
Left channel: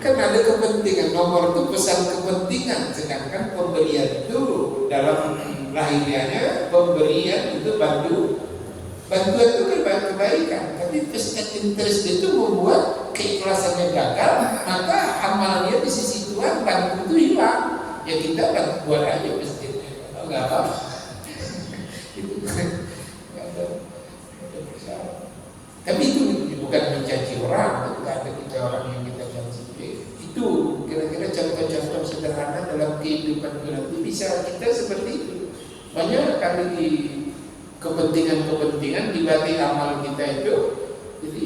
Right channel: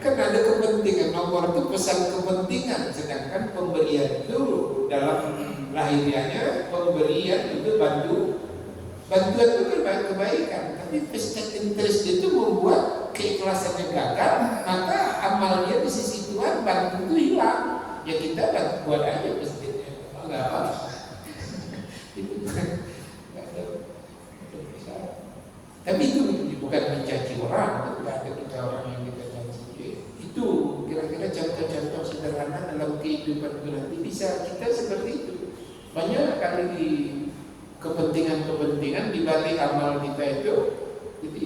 kan ada kepentingan, nomor itu pesan kepentingan, sedangkan pemberian itu dalam lahirianya pemberian itu bantuan itu kebaikan, tapi vested interest itu membuat keikhlasannya gagal, maka amalnya di sisi Tuhan bantu itu hilang. Ya kita buat aja masjidnya, kalau nggak apa, itu tapi itu bukan mencaci orang, tidak ada kita orang yang kita caci. Itu kira-kira contoh-contoh sederhana dalam kehidupan nanti bisa kita seperti itu. Banyak kali di kepentingan-kepentingan di balik amal kita itu. Jadi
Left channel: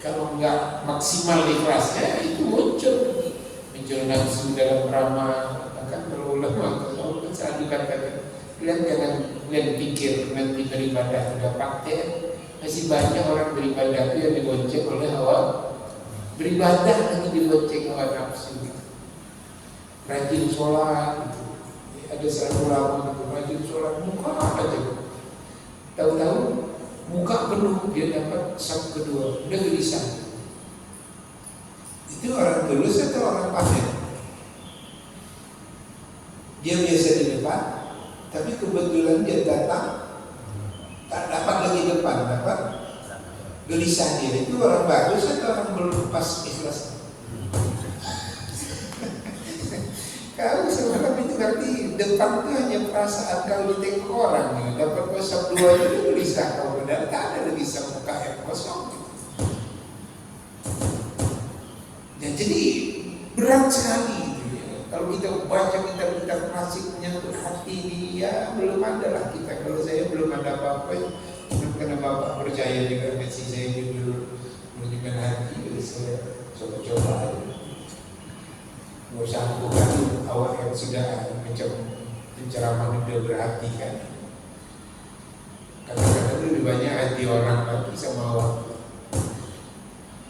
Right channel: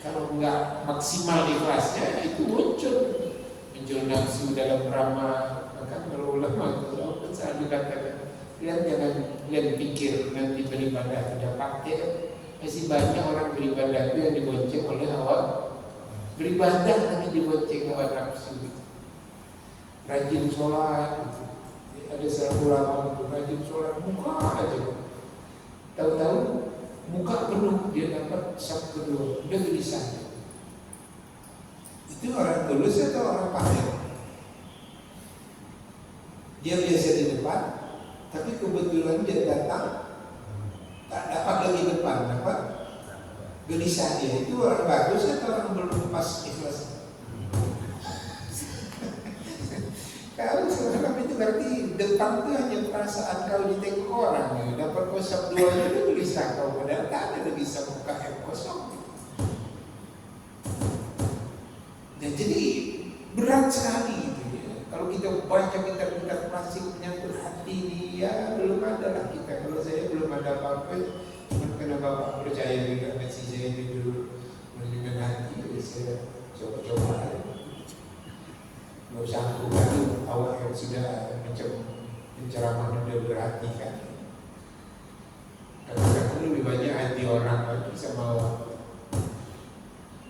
kalau nggak maksimal ikhlasnya itu muncul nafsu dalam ramah. Bahkan kalau ulama kalau selalu katakan, kalian pikir nanti beribadah sudah pakai. Masih banyak orang beribadah itu yang dibonceng oleh hawa. Beribadah nanti dibonceng hawa nafsu. Rajin sholat, ada satu ulama itu rajin sholat, muka aja. Tahu-tahu muka penuh, dia dapat saf kedua, udah gelisah. Itu orang tulus atau orang pamer? Dia biasa di depan, tapi kebetulan dia datang tak dapat lagi depan, dapat gelisah dia. Itu orang bagus atau orang belum pas ikhlas? Kalau sebenarnya itu berarti depan itu hanya perasaan kau ditengok orang ya. Dapat kosong dua itu gelisah kau, padahal tak ada gelisah muka yang kosong gitu. Ya, jadi berat sekali gitu ya. Kalau kita baca kitab-kitab klasik menyangkut hati ini, ya belum ada lah kita. Kalau saya belum ada apa-apa, karena Bapak percaya juga versi saya ini dulu manajemen hati, jadi saya coba-coba aja. Nggak usah aku bantu awak yang sudah macam penceraman udah berhati kan. Kadang-kadang lebih banyak hati orang lagi sama awak.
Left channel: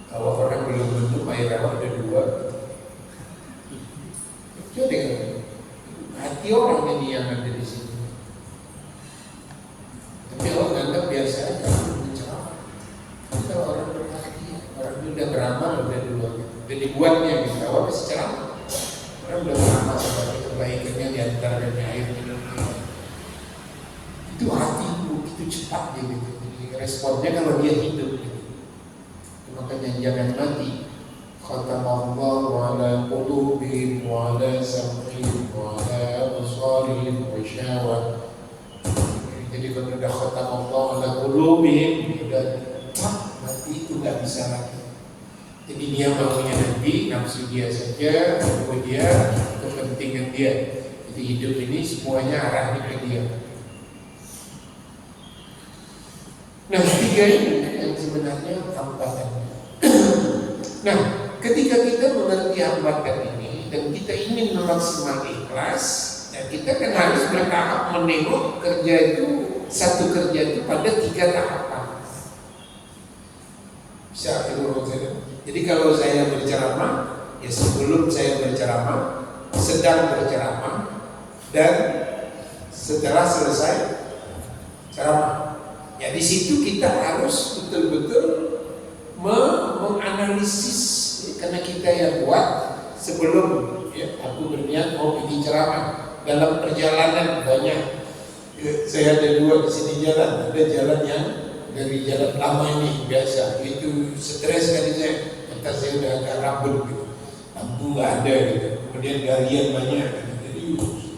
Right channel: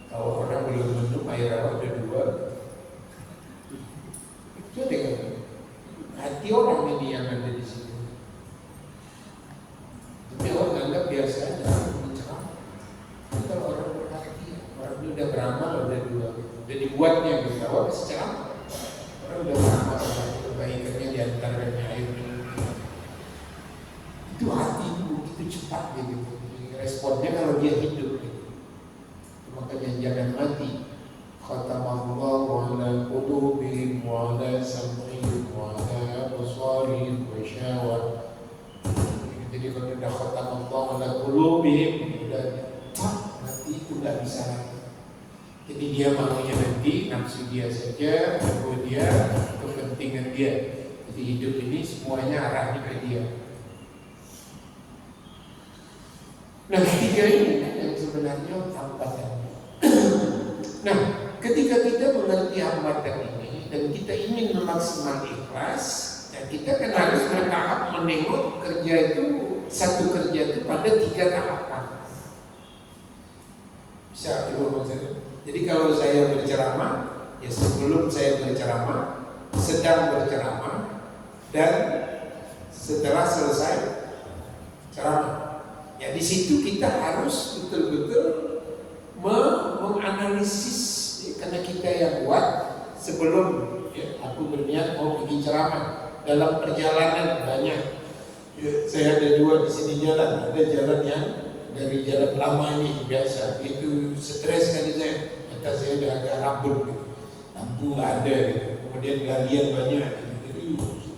Kalau orang belum bentuk air awak ada dua. Jadi hati orang ini yang ada di sini. Tapi awak anggap biasa aja menceramah. Kalau orang berhati, orang ini udah beramal udah dua. Udah dibuatnya gitu, awak masih ceramah. Orang udah lama sebagai kebaikannya diantar dan air itu hati begitu cepat gitu. Jadi responnya kalau dia hidup gitu. Makanya jangan mati. Khatamallahu ala qulubihim wa ala sam'ihim wa ala absarihim wa syawa. Jadi kalau udah khatamallahu ala qulubihim udah mati itu nggak bisa lagi. Jadi dia maunya nanti nafsu dia saja, mau dia, kepentingan dia. Jadi hidup ini semuanya arahnya ke dia. Nah, tiga ini yang sebenarnya hambatan. Nah, ketika kita mengerti hambatan ini dan kita ingin memaksimal ikhlas, ya kita kan harus bertahap menengok kerja itu, satu kerja itu pada 3 tahapan. Bisa dulu saja. Jadi kalau saya berceramah, ya sebelum saya berceramah, sedang berceramah, dan setelah selesai ceramah. Ya di situ kita harus betul-betul menganalisis, karena kita yang buat sebelum ya, aku berniat mau pergi ceramah. Dalam perjalanan banyak, ya, saya ada 2 di sini jalan, ada jalan yang dari jalan lama ini biasa, itu stres kali saya. Entah saya udah agak rabun gitu, lampu nggak ada gitu, kemudian galian banyak gitu. Jadi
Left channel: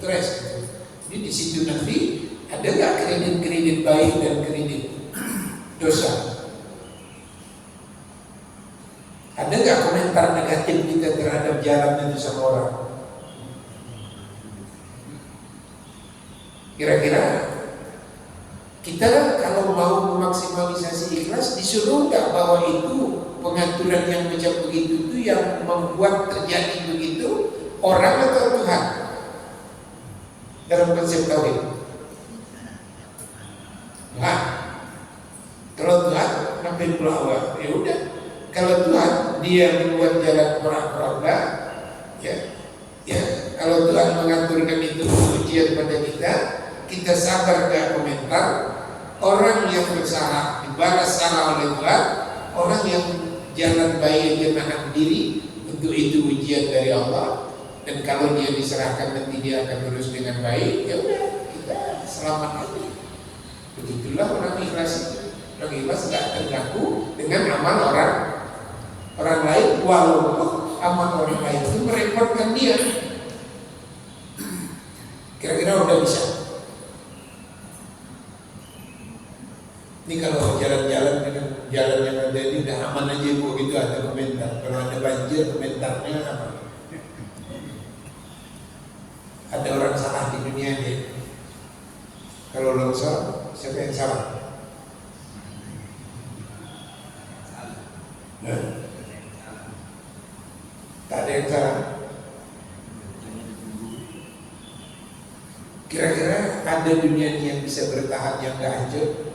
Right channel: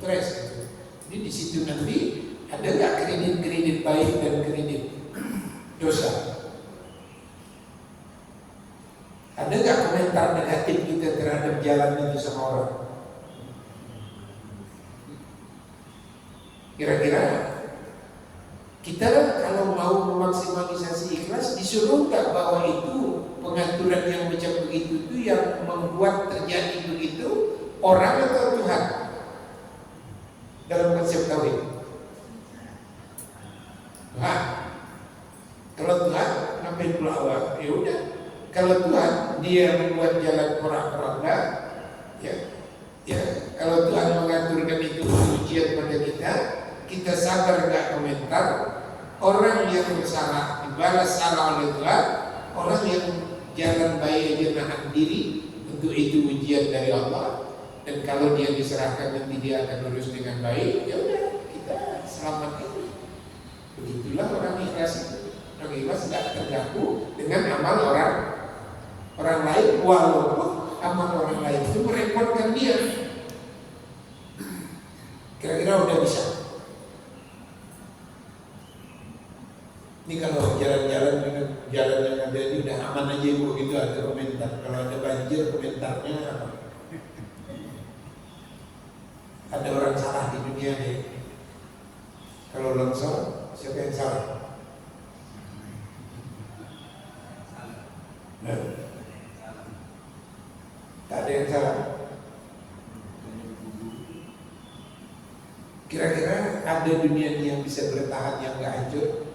stres gitu. Jadi di situ nanti ada nggak kredit baik dan kredit dosa? Ada nggak komentar negatif kita terhadap jalan itu sama orang? Kira-kira kita kalau mau memaksimalisasi ikhlas disuruh nggak bahwa itu pengaturan yang macam begitu itu yang membuat terjadi begitu orang atau Tuhan dalam konsep kawin? Tuhan. Kalau Tuhan ngapain pula awal? Ya udah. Kalau Tuhan dia membuat jalan orang-orang, ya kalau Tuhan mengaturkan itu ujian pada kita sabar gak komentar. Orang yang bersalah dibalas salah oleh Tuhan, orang yang jalan baik dia menahan diri, untuk itu ujian dari Allah. Dan kalau dia diserahkan nanti dia akan lurus dengan baik, ya udah kita selamat lagi. Begitulah orang ikhlas itu. Orang ikhlas tidak terganggu dengan amal orang lain, walaupun amal orang lain itu merepotkan dia. Kira-kira udah bisa. Ini kalau jalan-jalan dengan jalan yang ada ini udah aman aja bu, gitu ada komentar. Kalau ada banjir komentarnya apa? Ada orang salah di dunia ini. Kalau longsor, siapa yang salah? Nah, tak ada yang salah. Kira-kira ada dunia ini yang bisa bertahan yang gak hancur?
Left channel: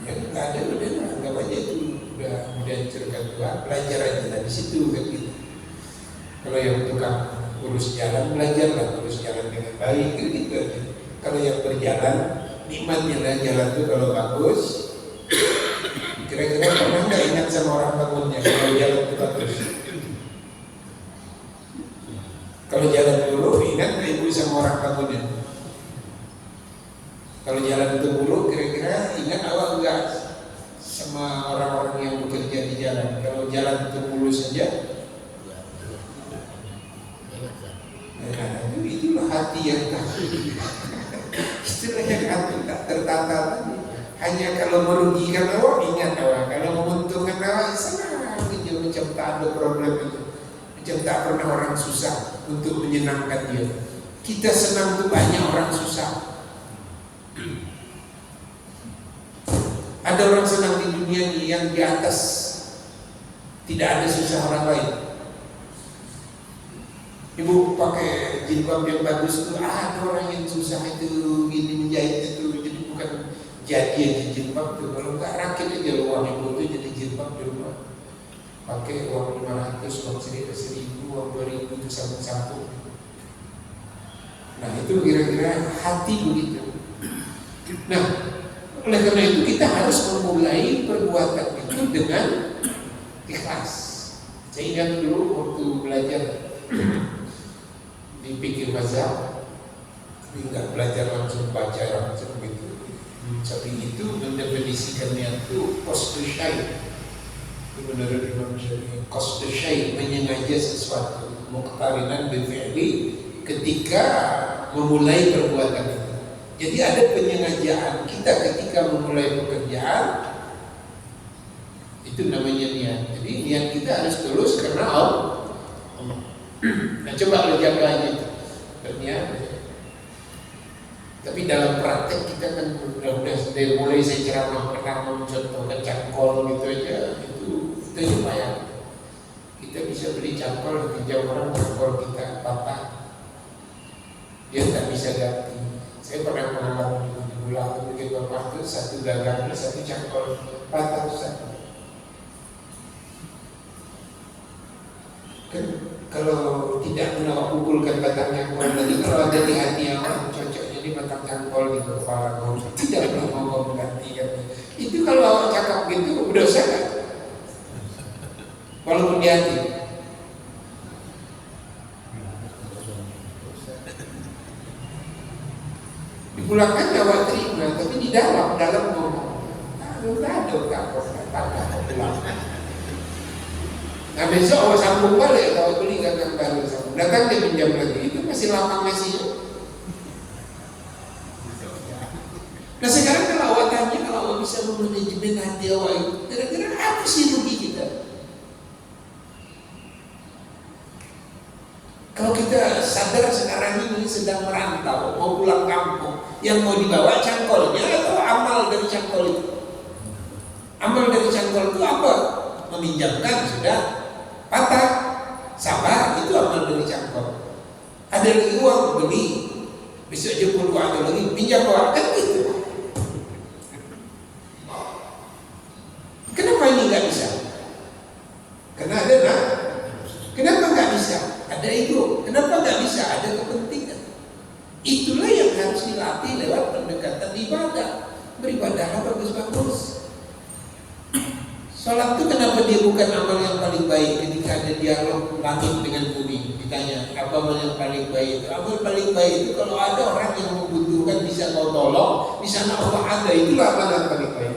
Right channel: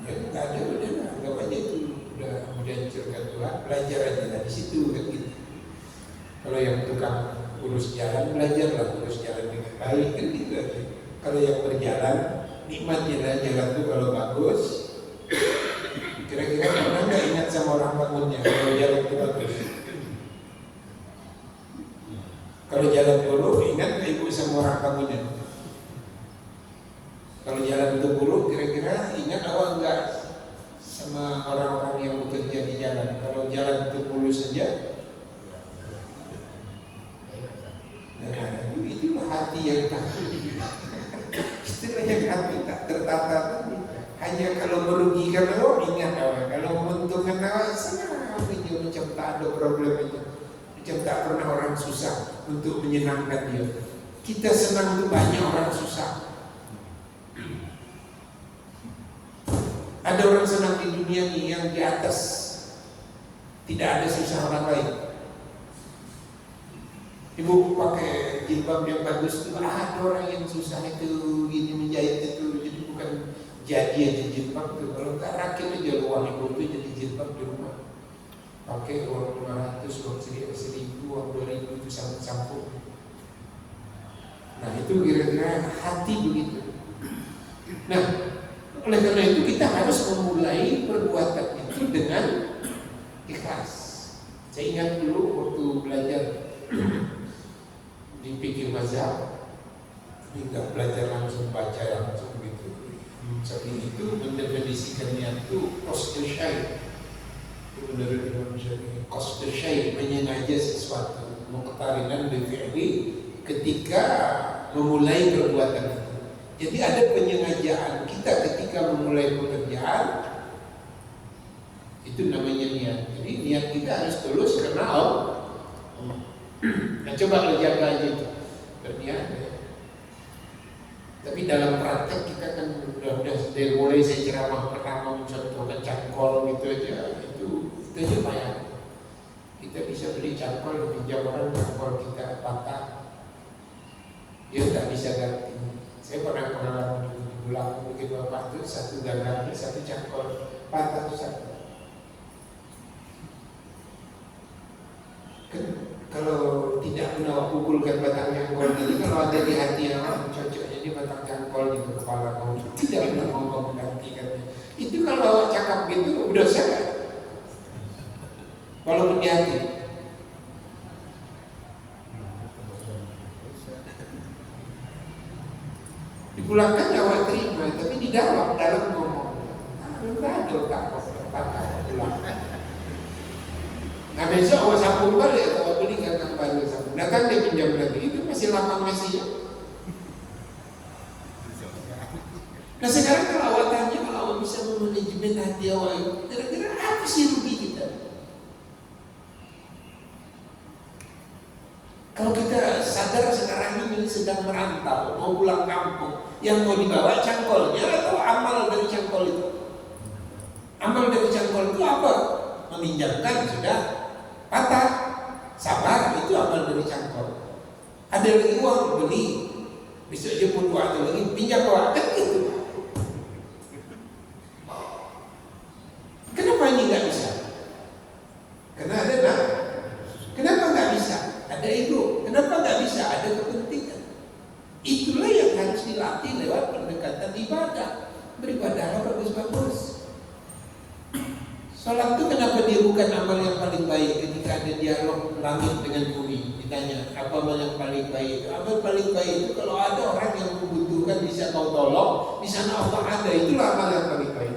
Ya nggak ada, udah anggap aja itu udah hancurkan Tuhan. Belajar aja dari situ kan gitu. Kalau yang tukang urus jalan, belajarlah urus jalan dengan baik kan gitu aja. Kalau yang berjalan, nikmatnya jalan itu kalau bagus. Kira-kira pernah nggak ingat sama orang bangunnya kalau jalan itu bagus? Kalau jalan dulu, ingat nggak ibu sama orang bangunnya? Kalau jalan itu buruk, kira-kira ingat awak enggak sama orang-orang yang bekerja di jalan? Kalau jalan itu mulus saja, nah, itulah hati yang tak, itulah yang hati tak tertata. Hanya kalau merugikan awak ingat awak, kalau menguntungkan awak senang itu macam tak ada problem itu, macam tak pernah orang susah untuk menyenangkan dia. Kita senang tuh banyak orang susah. Ada orang senang di dunia ini yang di atas tidak ada susah orang lain. Ibu pakai jilbab yang bagus itu, ada orang yang susah itu gini menjahit itu, jadi bukan jadi aja jilbab itu. Kalau nggak rakit aja uang ibu itu jadi jilbab di rumah. Pakai uang 500, uang 1.000, uang 2.000 itu sapu-sapu. Nah itu kira-kira hati begitu. Nah, oleh karena itu kita harus memulai perbuatan itu dengan ikhlas. Saya ingat dulu waktu belajar di fikih mazhab, tapi nggak belajar langsung baca langsung gitu. Tapi itu mendefinisikannya itu qasdu syai'. Itu menurut Imam Syafi'i, qasdu syai' menyengaja sesuatu, muqtarinan bil fi'li ketika memulai perbuatan itu. Jadi ada penyengajaan kita ketika memulai pekerjaan, itu namanya niat. Jadi niat kita harus tulus karena Allah. Nah coba menjaga aja itu berniat. Tapi dalam praktek kita kan udah dari mulai saya ceramah pernah mencontohkan cangkol gitu aja, itu aja payah. Kita bisa beli cangkol pinjam orang, cangkol kita patah, dia tidak bisa ganti. Saya pernah pengalaman di bulan begitu bapak itu satu gagangnya satu cangkol patah satu. Kan kalau tidak pernah pukulkan batang cangkol tadi, kalau ada di hati yang cocoknya di batang cangkol di kepala kamu tidak pernah mau menggantikan. Itu kalau awak cakap gitu udah sadar, walaupun di hati. Dipulangkan awak terima, tapi di dalam ngomong, aduh ada patah pulang. Nah besok awak sambung balik, awak beli gagang baru sambung. Datang dia pinjam lagi, itu masih lama masih. Nah sekarang kalau awak tanya, kalau awak bisa memanajemen hati awak itu, kira-kira apa sih rugi kita? Kalau kita sadar sekarang ini sedang merantau, mau pulang kampung, yang mau dibawa cangkolnya atau amal dari cangkol itu? Amal dari cangkol itu apa? Meminjamkan sudah patah, sabar, itu amal dari cangkol. Ada lagi uang beli, besok dia pun ada lagi pinjam uang, kan gitu. Kenapa ini nggak bisa? Karena ada nak. Kenapa nggak bisa? Ada ego. Kenapa nggak bisa? Ada kepentingan. Itulah yang harus dilatih lewat pendekatan ibadah. Beribadahlah bagus-bagus. Sholat itu kenapa dia bukan amal yang paling baik? Ketika ada dialog langit dengan bumi, ditanya apa amal yang paling baik? Amal paling baik itu kalau ada orang yang membutuhkan bisa kau tolong, di sana Allah ada, itulah amal yang paling baik.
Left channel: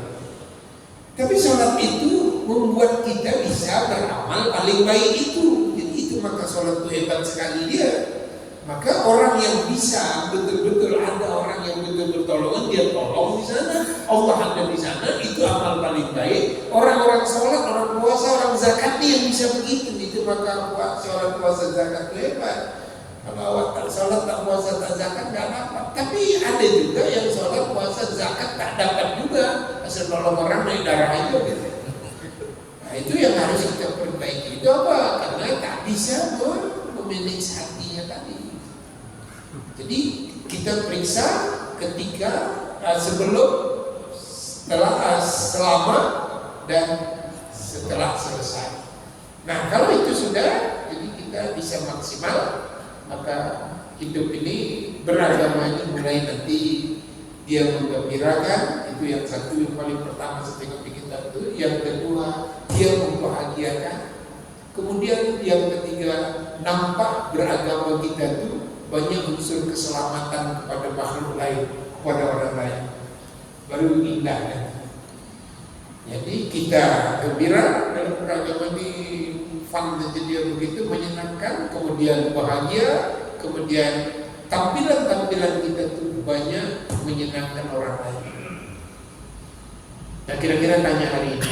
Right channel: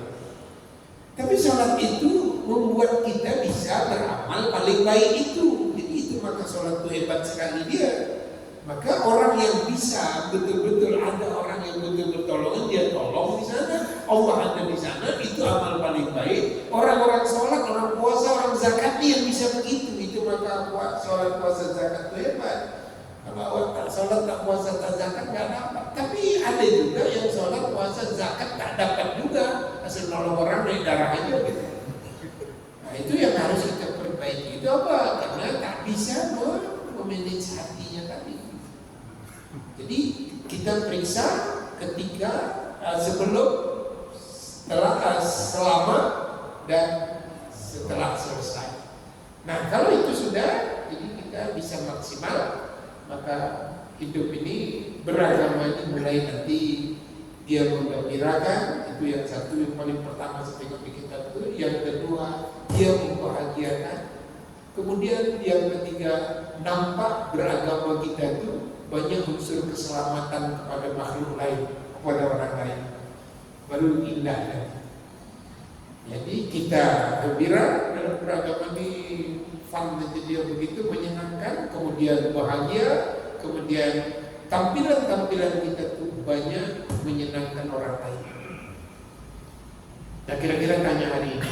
Tapi sholat itu membuat kita bisa beramal paling baik itu. Jadi itu maka sholat itu hebat sekali dia. Maka orang yang bisa betul-betul ada orang yang betul-betul tolongan, dia tolong di sana, Allah ada di sana, itu amal paling baik. Orang-orang sholat, orang puasa, orang zakat yang bisa begitu. Itu maka sholat, puasa, zakat itu hebat. Kalau sholat, tak puasa, tak zakat nggak dapat. Tapi ada juga yang sholat, puasa, zakat tak dapat juga. Asal nolong orang naik darah aja gitu. Nah itu yang harus kita perbaiki. Itu apa? Karena tak bisa memanage hatinya tadi. Jadi kita periksa ketika sebelum, setelah, selama, dan setelah selesai. Nah kalau itu sudah, jadi kita bisa maksimal. Maka hidup ini beragama ini mulai nanti dia menggembirakan, itu yang satu, yang paling pertama setengah kita itu. Yang kedua dia membahagiakan. Kemudian yang ketiga nampak beragama kita itu banyak unsur keselamatan kepada makhluk lain, kepada orang lain. Baru indah kan? Jadi kita gembira dalam beragama ini, fun saja dia begitu menyenangkan, kemudian bahagia, kemudian tampilan-tampilan kita tuh banyak menyenangkan orang lain. Nah kira-kira tanya hari ini,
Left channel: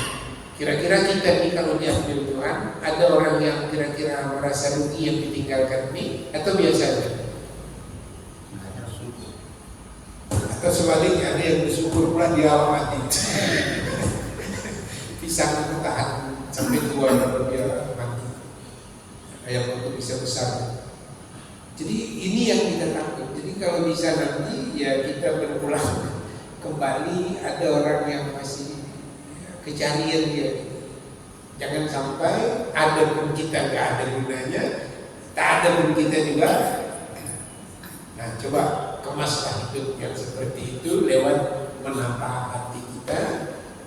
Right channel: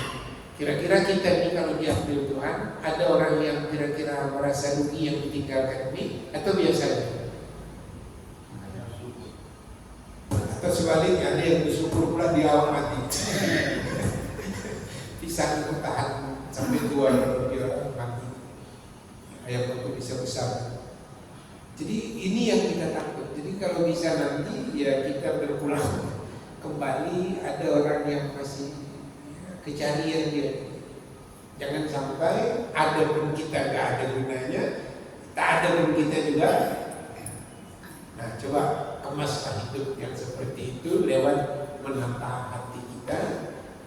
kira-kira kita nih kalau diambil Tuhan, ada orang yang kira-kira merasa rugi yang ditinggalkan ini, atau biasa aja? Atau sebaliknya ada yang bersyukur pula dia mati. Bisa bertahan sampai tua kalau dia mati. Ayam itu bisa besar. Jadi ini yang kita takut. Jadi kalau bisa nanti ya kita berpulang kembali, ada orang yang masih kecarian dia. Jangan sampai ada pun kita nggak ada gunanya, tak ada pun kita juga. Nah coba kemaslah hidup yang seperti itu lewat menata hati kita,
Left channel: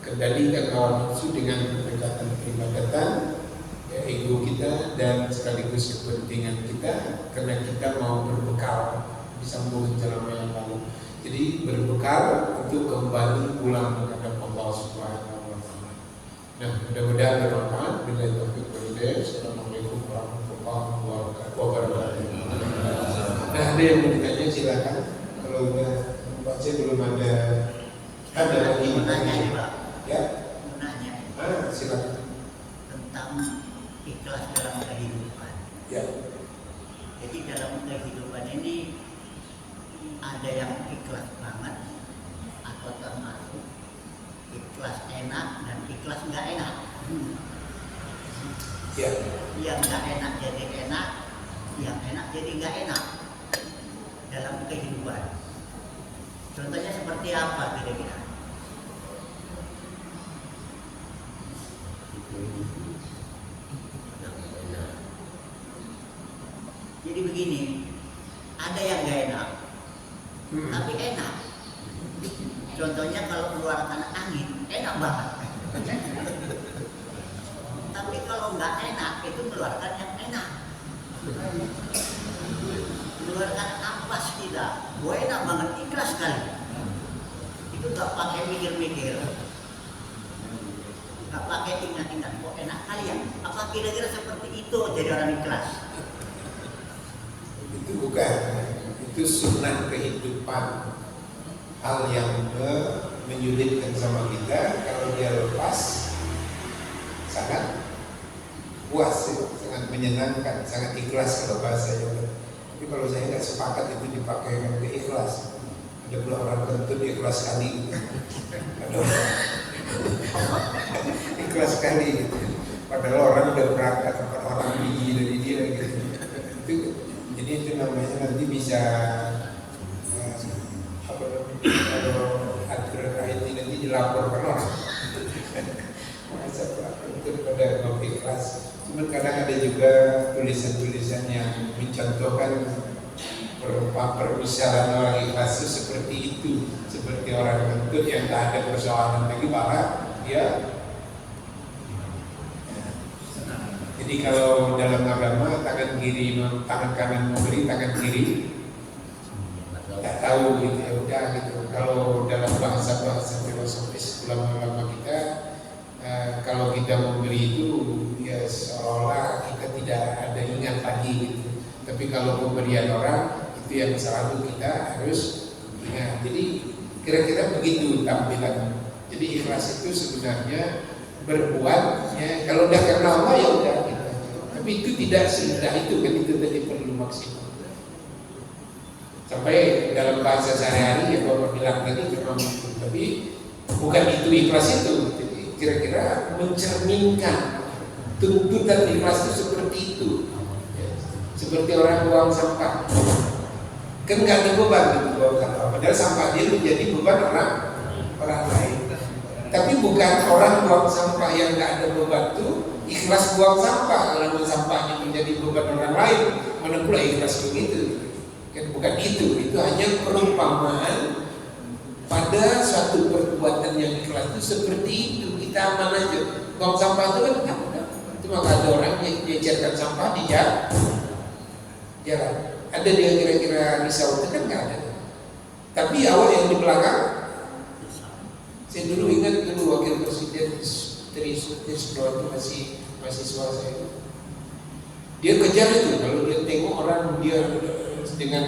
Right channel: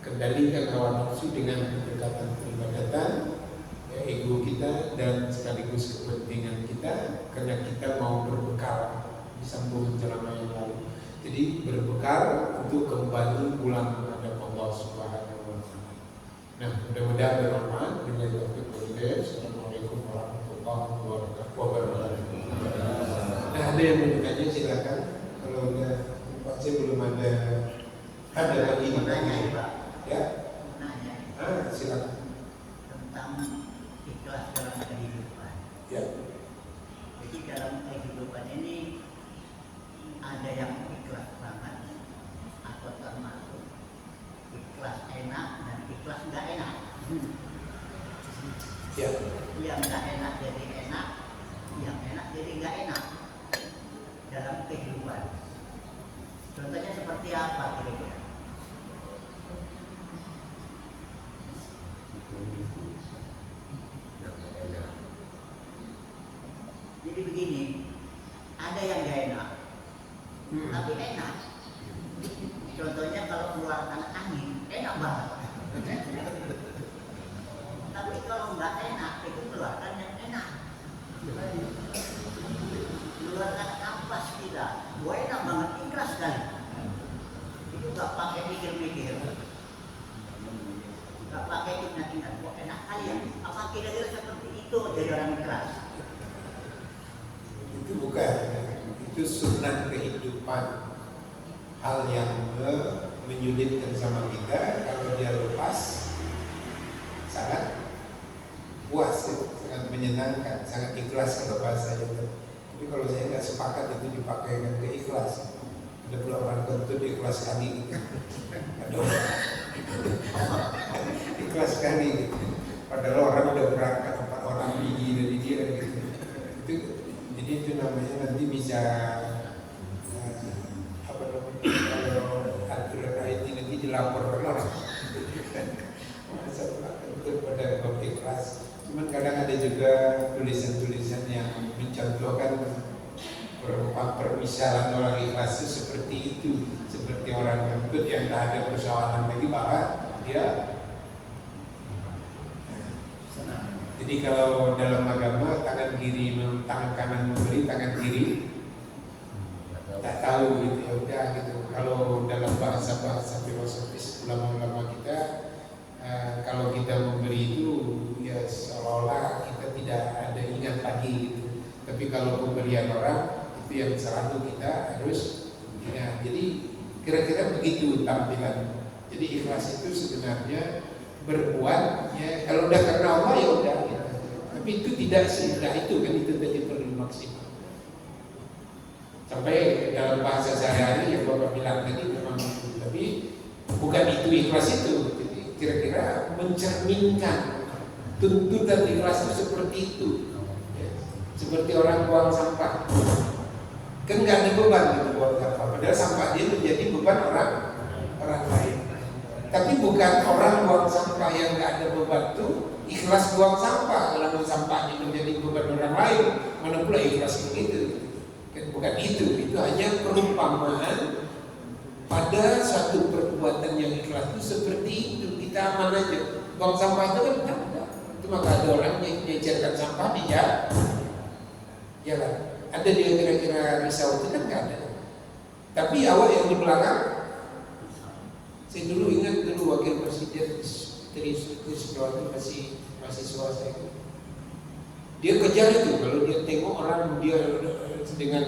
kendalikan hawa nafsu dengan pendekatan peribadatan, ego kita dan sekaligus kepentingan kita, karena kita mau berbekal disambung ceramah yang lalu. Jadi berbekal untuk kembali pulang menghadap Allah Subhanahu wa Ta'ala. Nah, mudah-mudahan bermanfaat. Billahi taufiq wal hidayah. Assalamualaikum warahmatullahi wabarakatuh. Nah, ada yang mau ditanya silakan. Kalau udah baca belum ada lagi ditanya Pak. Ya. Silakan. Tentang ikhlas dalam kehidupan. Ya. Jadi dalam kehidupan ini ada yang ikhlas banget atau termasuk ikhlas enak dan ikhlas nggak enak. Ya. Yang nggak enak jadi enak, yang enak jadi nggak enak dalam kehidupan. Contohnya seperti apa kira-kira? Jadi begini, ada yang nggak enak, tapi enak. Contohnya kalau mengeluarkan angin, enak banget. Tapi kalau nggak enak, itu mengeluarkan yang enak. Mengeluarkan ampas kita, gue enak banget, ikhlas sekali. Itu nggak pakai mikir-mikir, nggak pakai ingat-ingat, kok enak kali ya. Apa kira-kira seperti itu jadi orang ikhlas? Itu bukan, itu sunnah kehidupan. Hal yang menyulitkan sama kita, kalau dia lepas sangat puas, sangat menyenangkan, sangat ikhlas kalau bahasa itu. Tapi kalau saya nggak sepakat itu dipakai dengan keikhlas. Ada pula orang kentut ikhlas sekali gitu. Ada orang Ikhlas sekali gitu. Padahal orang udah berangkat 4 orang biji dari dia gitu. Jadi itu namanya nanti bisa apa namanya, kalau ada IT nanti dilaporkan orang. Masa daripada ikhlas. Cuman kadang ada juga tulisan-tulisan yang mencontohkan permisalan orang ikhlas itu seperti itu, seperti orang kentut yang tak ada persoalan lagi malah dia. Jadi kalau dalam agama tangan kanan memberi, tangan kiri tak tahu gitu ya udah gitu. Kalau dalam bahasa filosofis ulama-ulama kita, kalau kita memberi itu ya seolah kita tidak ada ingat lagi gitu. Tapi kalau pemberian orang itu yang selalu kita harus ingat. Jadi kira-kira begitu tampilan. Jadi ikhlas itu sebenarnya berbuat ya, kalau udah karena Allah ya udah gitu. Tapi itu tidak semudah itu kan, itu tadi perlu maksimal. Sampai dalam bahasa sehari-hari ya Bapak bilang tadi memang itu. Tapi bukan itu ikhlas itu. Jadi kira-kira mencerminkan tuntutan ikhlas itu seperti itu. Seperti orang buang sampah, kan nggak ada beban gitu buang sampah. Padahal sampah dia menjadi beban orang lain. Tapi bukan orang buang sampah yang nggak ada beban tuh ikhlas buang sampah. Kalau sampahnya menjadi beban orang lain, mana pula ikhlas begitu? Gitu. Kan bukan itu. Itu hanya perumpamaan pada suatu perbuatan yang ikhlas itu seperti itu. Kita aman aja. Buang sampah itu kan cuma ada orang yang diajarkan sampah di jalan. Ada dia kira-kira risau itu kan nggak ada. Tapi awal yang di belakang, saya dulu ingat dulu wakil presiden Trisno itu masih mahasiswa saya. Dia kejar itu kalau dia tengok orang dia dengan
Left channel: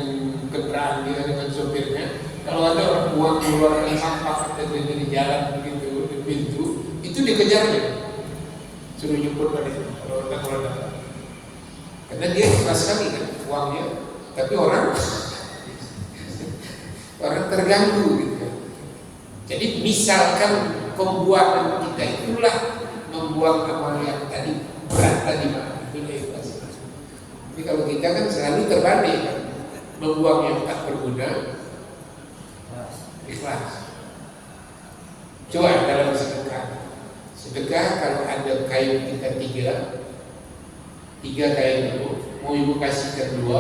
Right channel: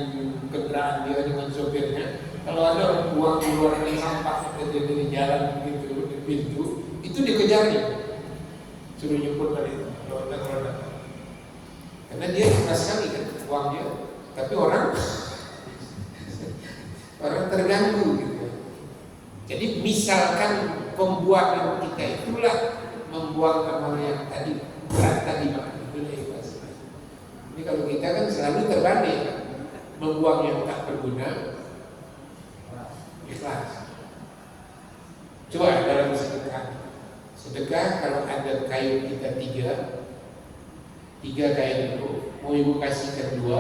kendaraan dia dengan sopirnya, kalau ada orang buang keluar sampah dari jalan begitu di pintu, itu dikejarnya, suruh jemput tadi kalau datang. Karena dia ikhlas sekali kan uangnya, tapi orang terganggu gitu. Jadi misalkan pembuatan kita itulah membuang amal yang tadi berat tadi Pak, itu ikhlas. Jadi kalau kita kan selalu terbalik, membuang yang tak berguna, ikhlas. Coba dalam sedekah kalau ada kain kita tiga kain itu, mau ibu kasihkan 2,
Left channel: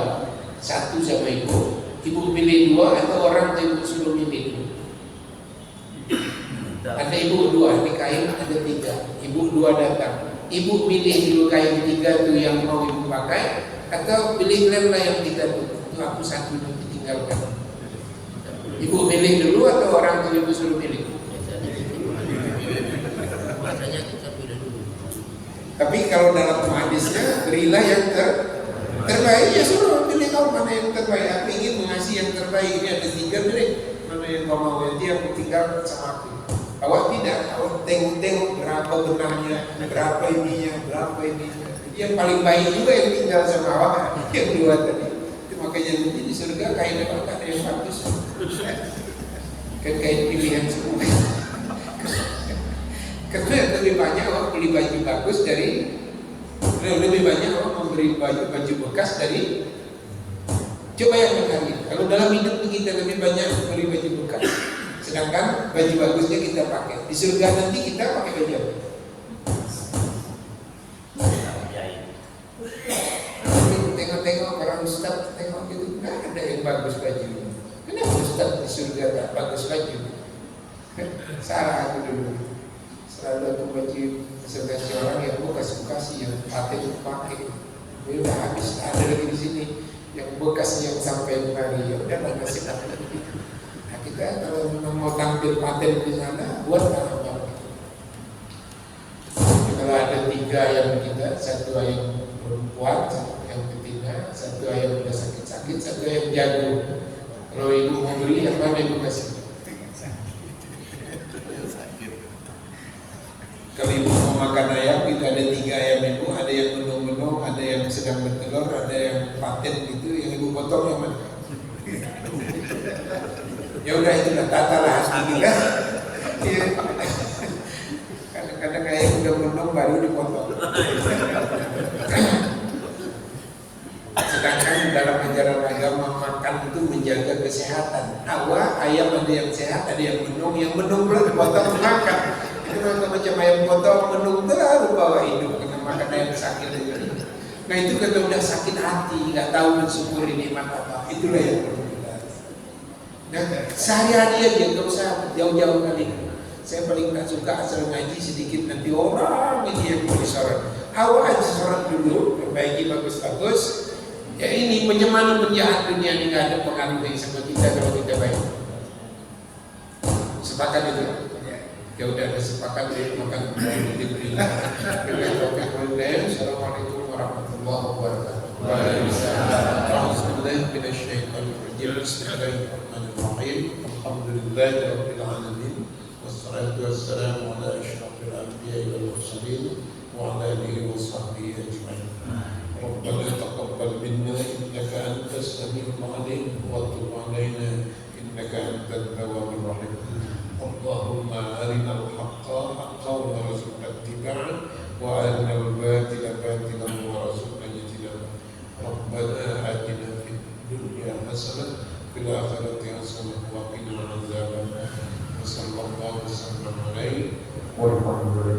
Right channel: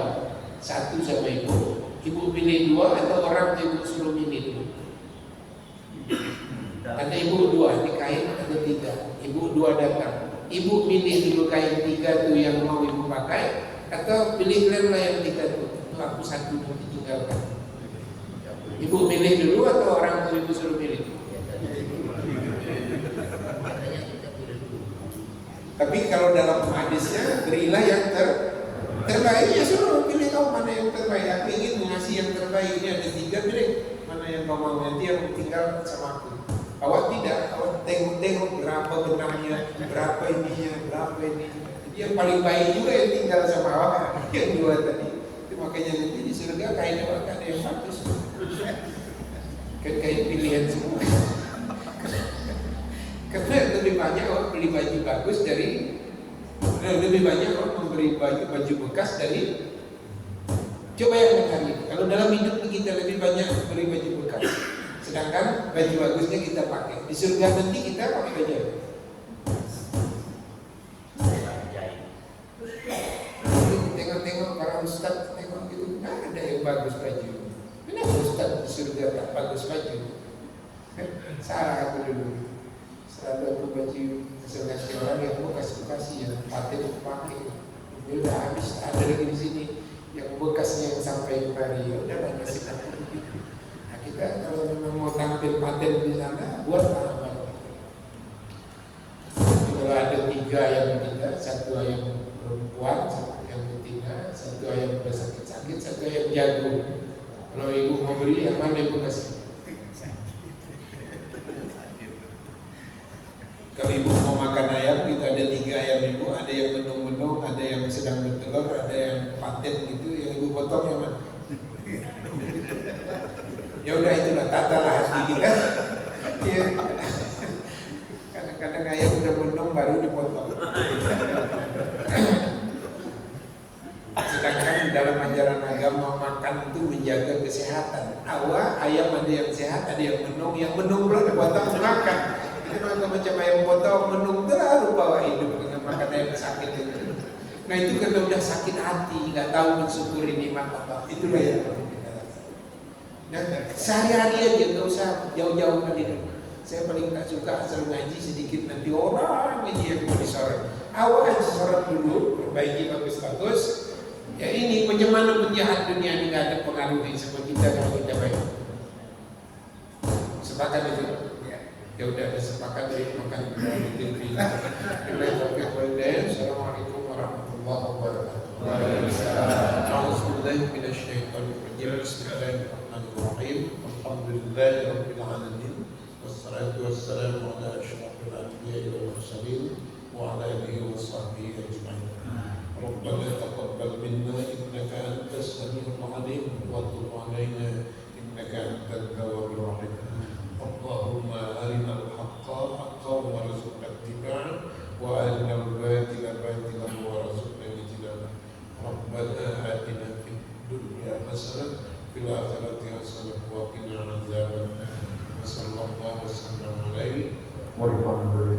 1 sama ibu pilih 2 atau orang ibu suruh milih? Ada ibu 2, di kain ada 3, ibu 2 datang, ibu pilih dulu kain 3 tuh yang mau ibu pakai, atau pilih lem yang 3 tuh, itu aku 1 nanti tinggalkan. Ibu pilih dulu atau orang tuh ibu suruh pilih? Biasanya kita pilih dulu. Tapi kalau dalam hadisnya berilah yang terbaik, ya suruh pilih kau mana yang terbaik. Aku ingin mengasih yang terbaik. Ini ada 3 pilih mana yang kau mau. Dia tinggal sama aku. Awak tidak, awak tengok berapa benarnya, berapa ininya. Jadi yang paling baik juga yang tinggal sama awak, yang 2 tadi. Itu makanya nanti di surga kainnya ada yang bagus. Kan kain pilihan semua. Karena lebih banyak orang beli baju bagus dari, lebih banyak orang memberi baju bekas dari. Coba yang kali, kalau dalam hidup kita lebih banyak memberi baju bekas, sedangkan baju bagusnya kita pakai. Di surga nanti kita pakai baju apa? Tengok-tengok para ustaz, tengok gitu, nggak ada yang bagus baju. Kenapa ustaz di surga tak bagus baju? Salah aku dulu. Selalu aku baju kasih orang yang bekas-bekas yang pakai pakai. Udah habis, ada lagi di sini yang bekasnya yang sampai kemari. Ya udah mau kasih pakai. Nah, kita kalau memang mau tampil paten di sana, buat apa? Kalau ada 3 ayam kita, 1 ayam perempuan, 1 ayam betina, 1 ayam udah sakit-sakit, 1 ayam jago. Kalau ibu mau beli, apa yang ibu kasih? Kalau ibu mau makan ayam, kita ada 3 ayam ibu, ada yang menung-menung, ada yang sedang bertelur, ada yang paten gitu, yang ibu potong yang mana? Ya udah itulah tata lah hati kita. Sedangkan dalam ajaran agama makan itu menjaga kesehatan. Ayam ada yang sehat, ada yang menung pula dipotong makan. Itu macam ayam potong menung baru bawa hidup karena makan ayam sakit itu. Nah itu kalau udah sakit hati, nggak tahu mensyukuri nikmat apa, itulah yang perlu kita. Nah, sehari-hari aja nggak usah jauh-jauh kali. Saya paling nggak suka asal ngaji sedikit nanti orang ini yang mau disorot. Awal sorot dulu, perbaiki bagus-bagus. Ya ini penyemanan penjahat dunia ini nggak ada pengaruhnya sama kita kalau kita baik. Sepakat itu. Ya udah ada sepakat ya makan gitu. Assalamualaikum warahmatullahi wabarakatuh. Waalaikumsalam. Bismillahirrahmanirrahim. Alhamdulillahirabbil alamin. Wassalatu wassalamu ala asyrafil anbiya'i wal mursalin wa ala alihi washabbihi ajma'in. ربنا تقبل منا إنك أنت السميع العليم وتب علينا إنك أنت التواب الرحيم اللهم أرنا الحق حقا وارزقنا اتباعه وأرنا الباطل باطلا وارزقنا اجتنابه ربنا آتنا في الدنيا حسنة في الآخرة حسنة وقنا عذاب النار وصلى الله وسلم عليه والحمد لله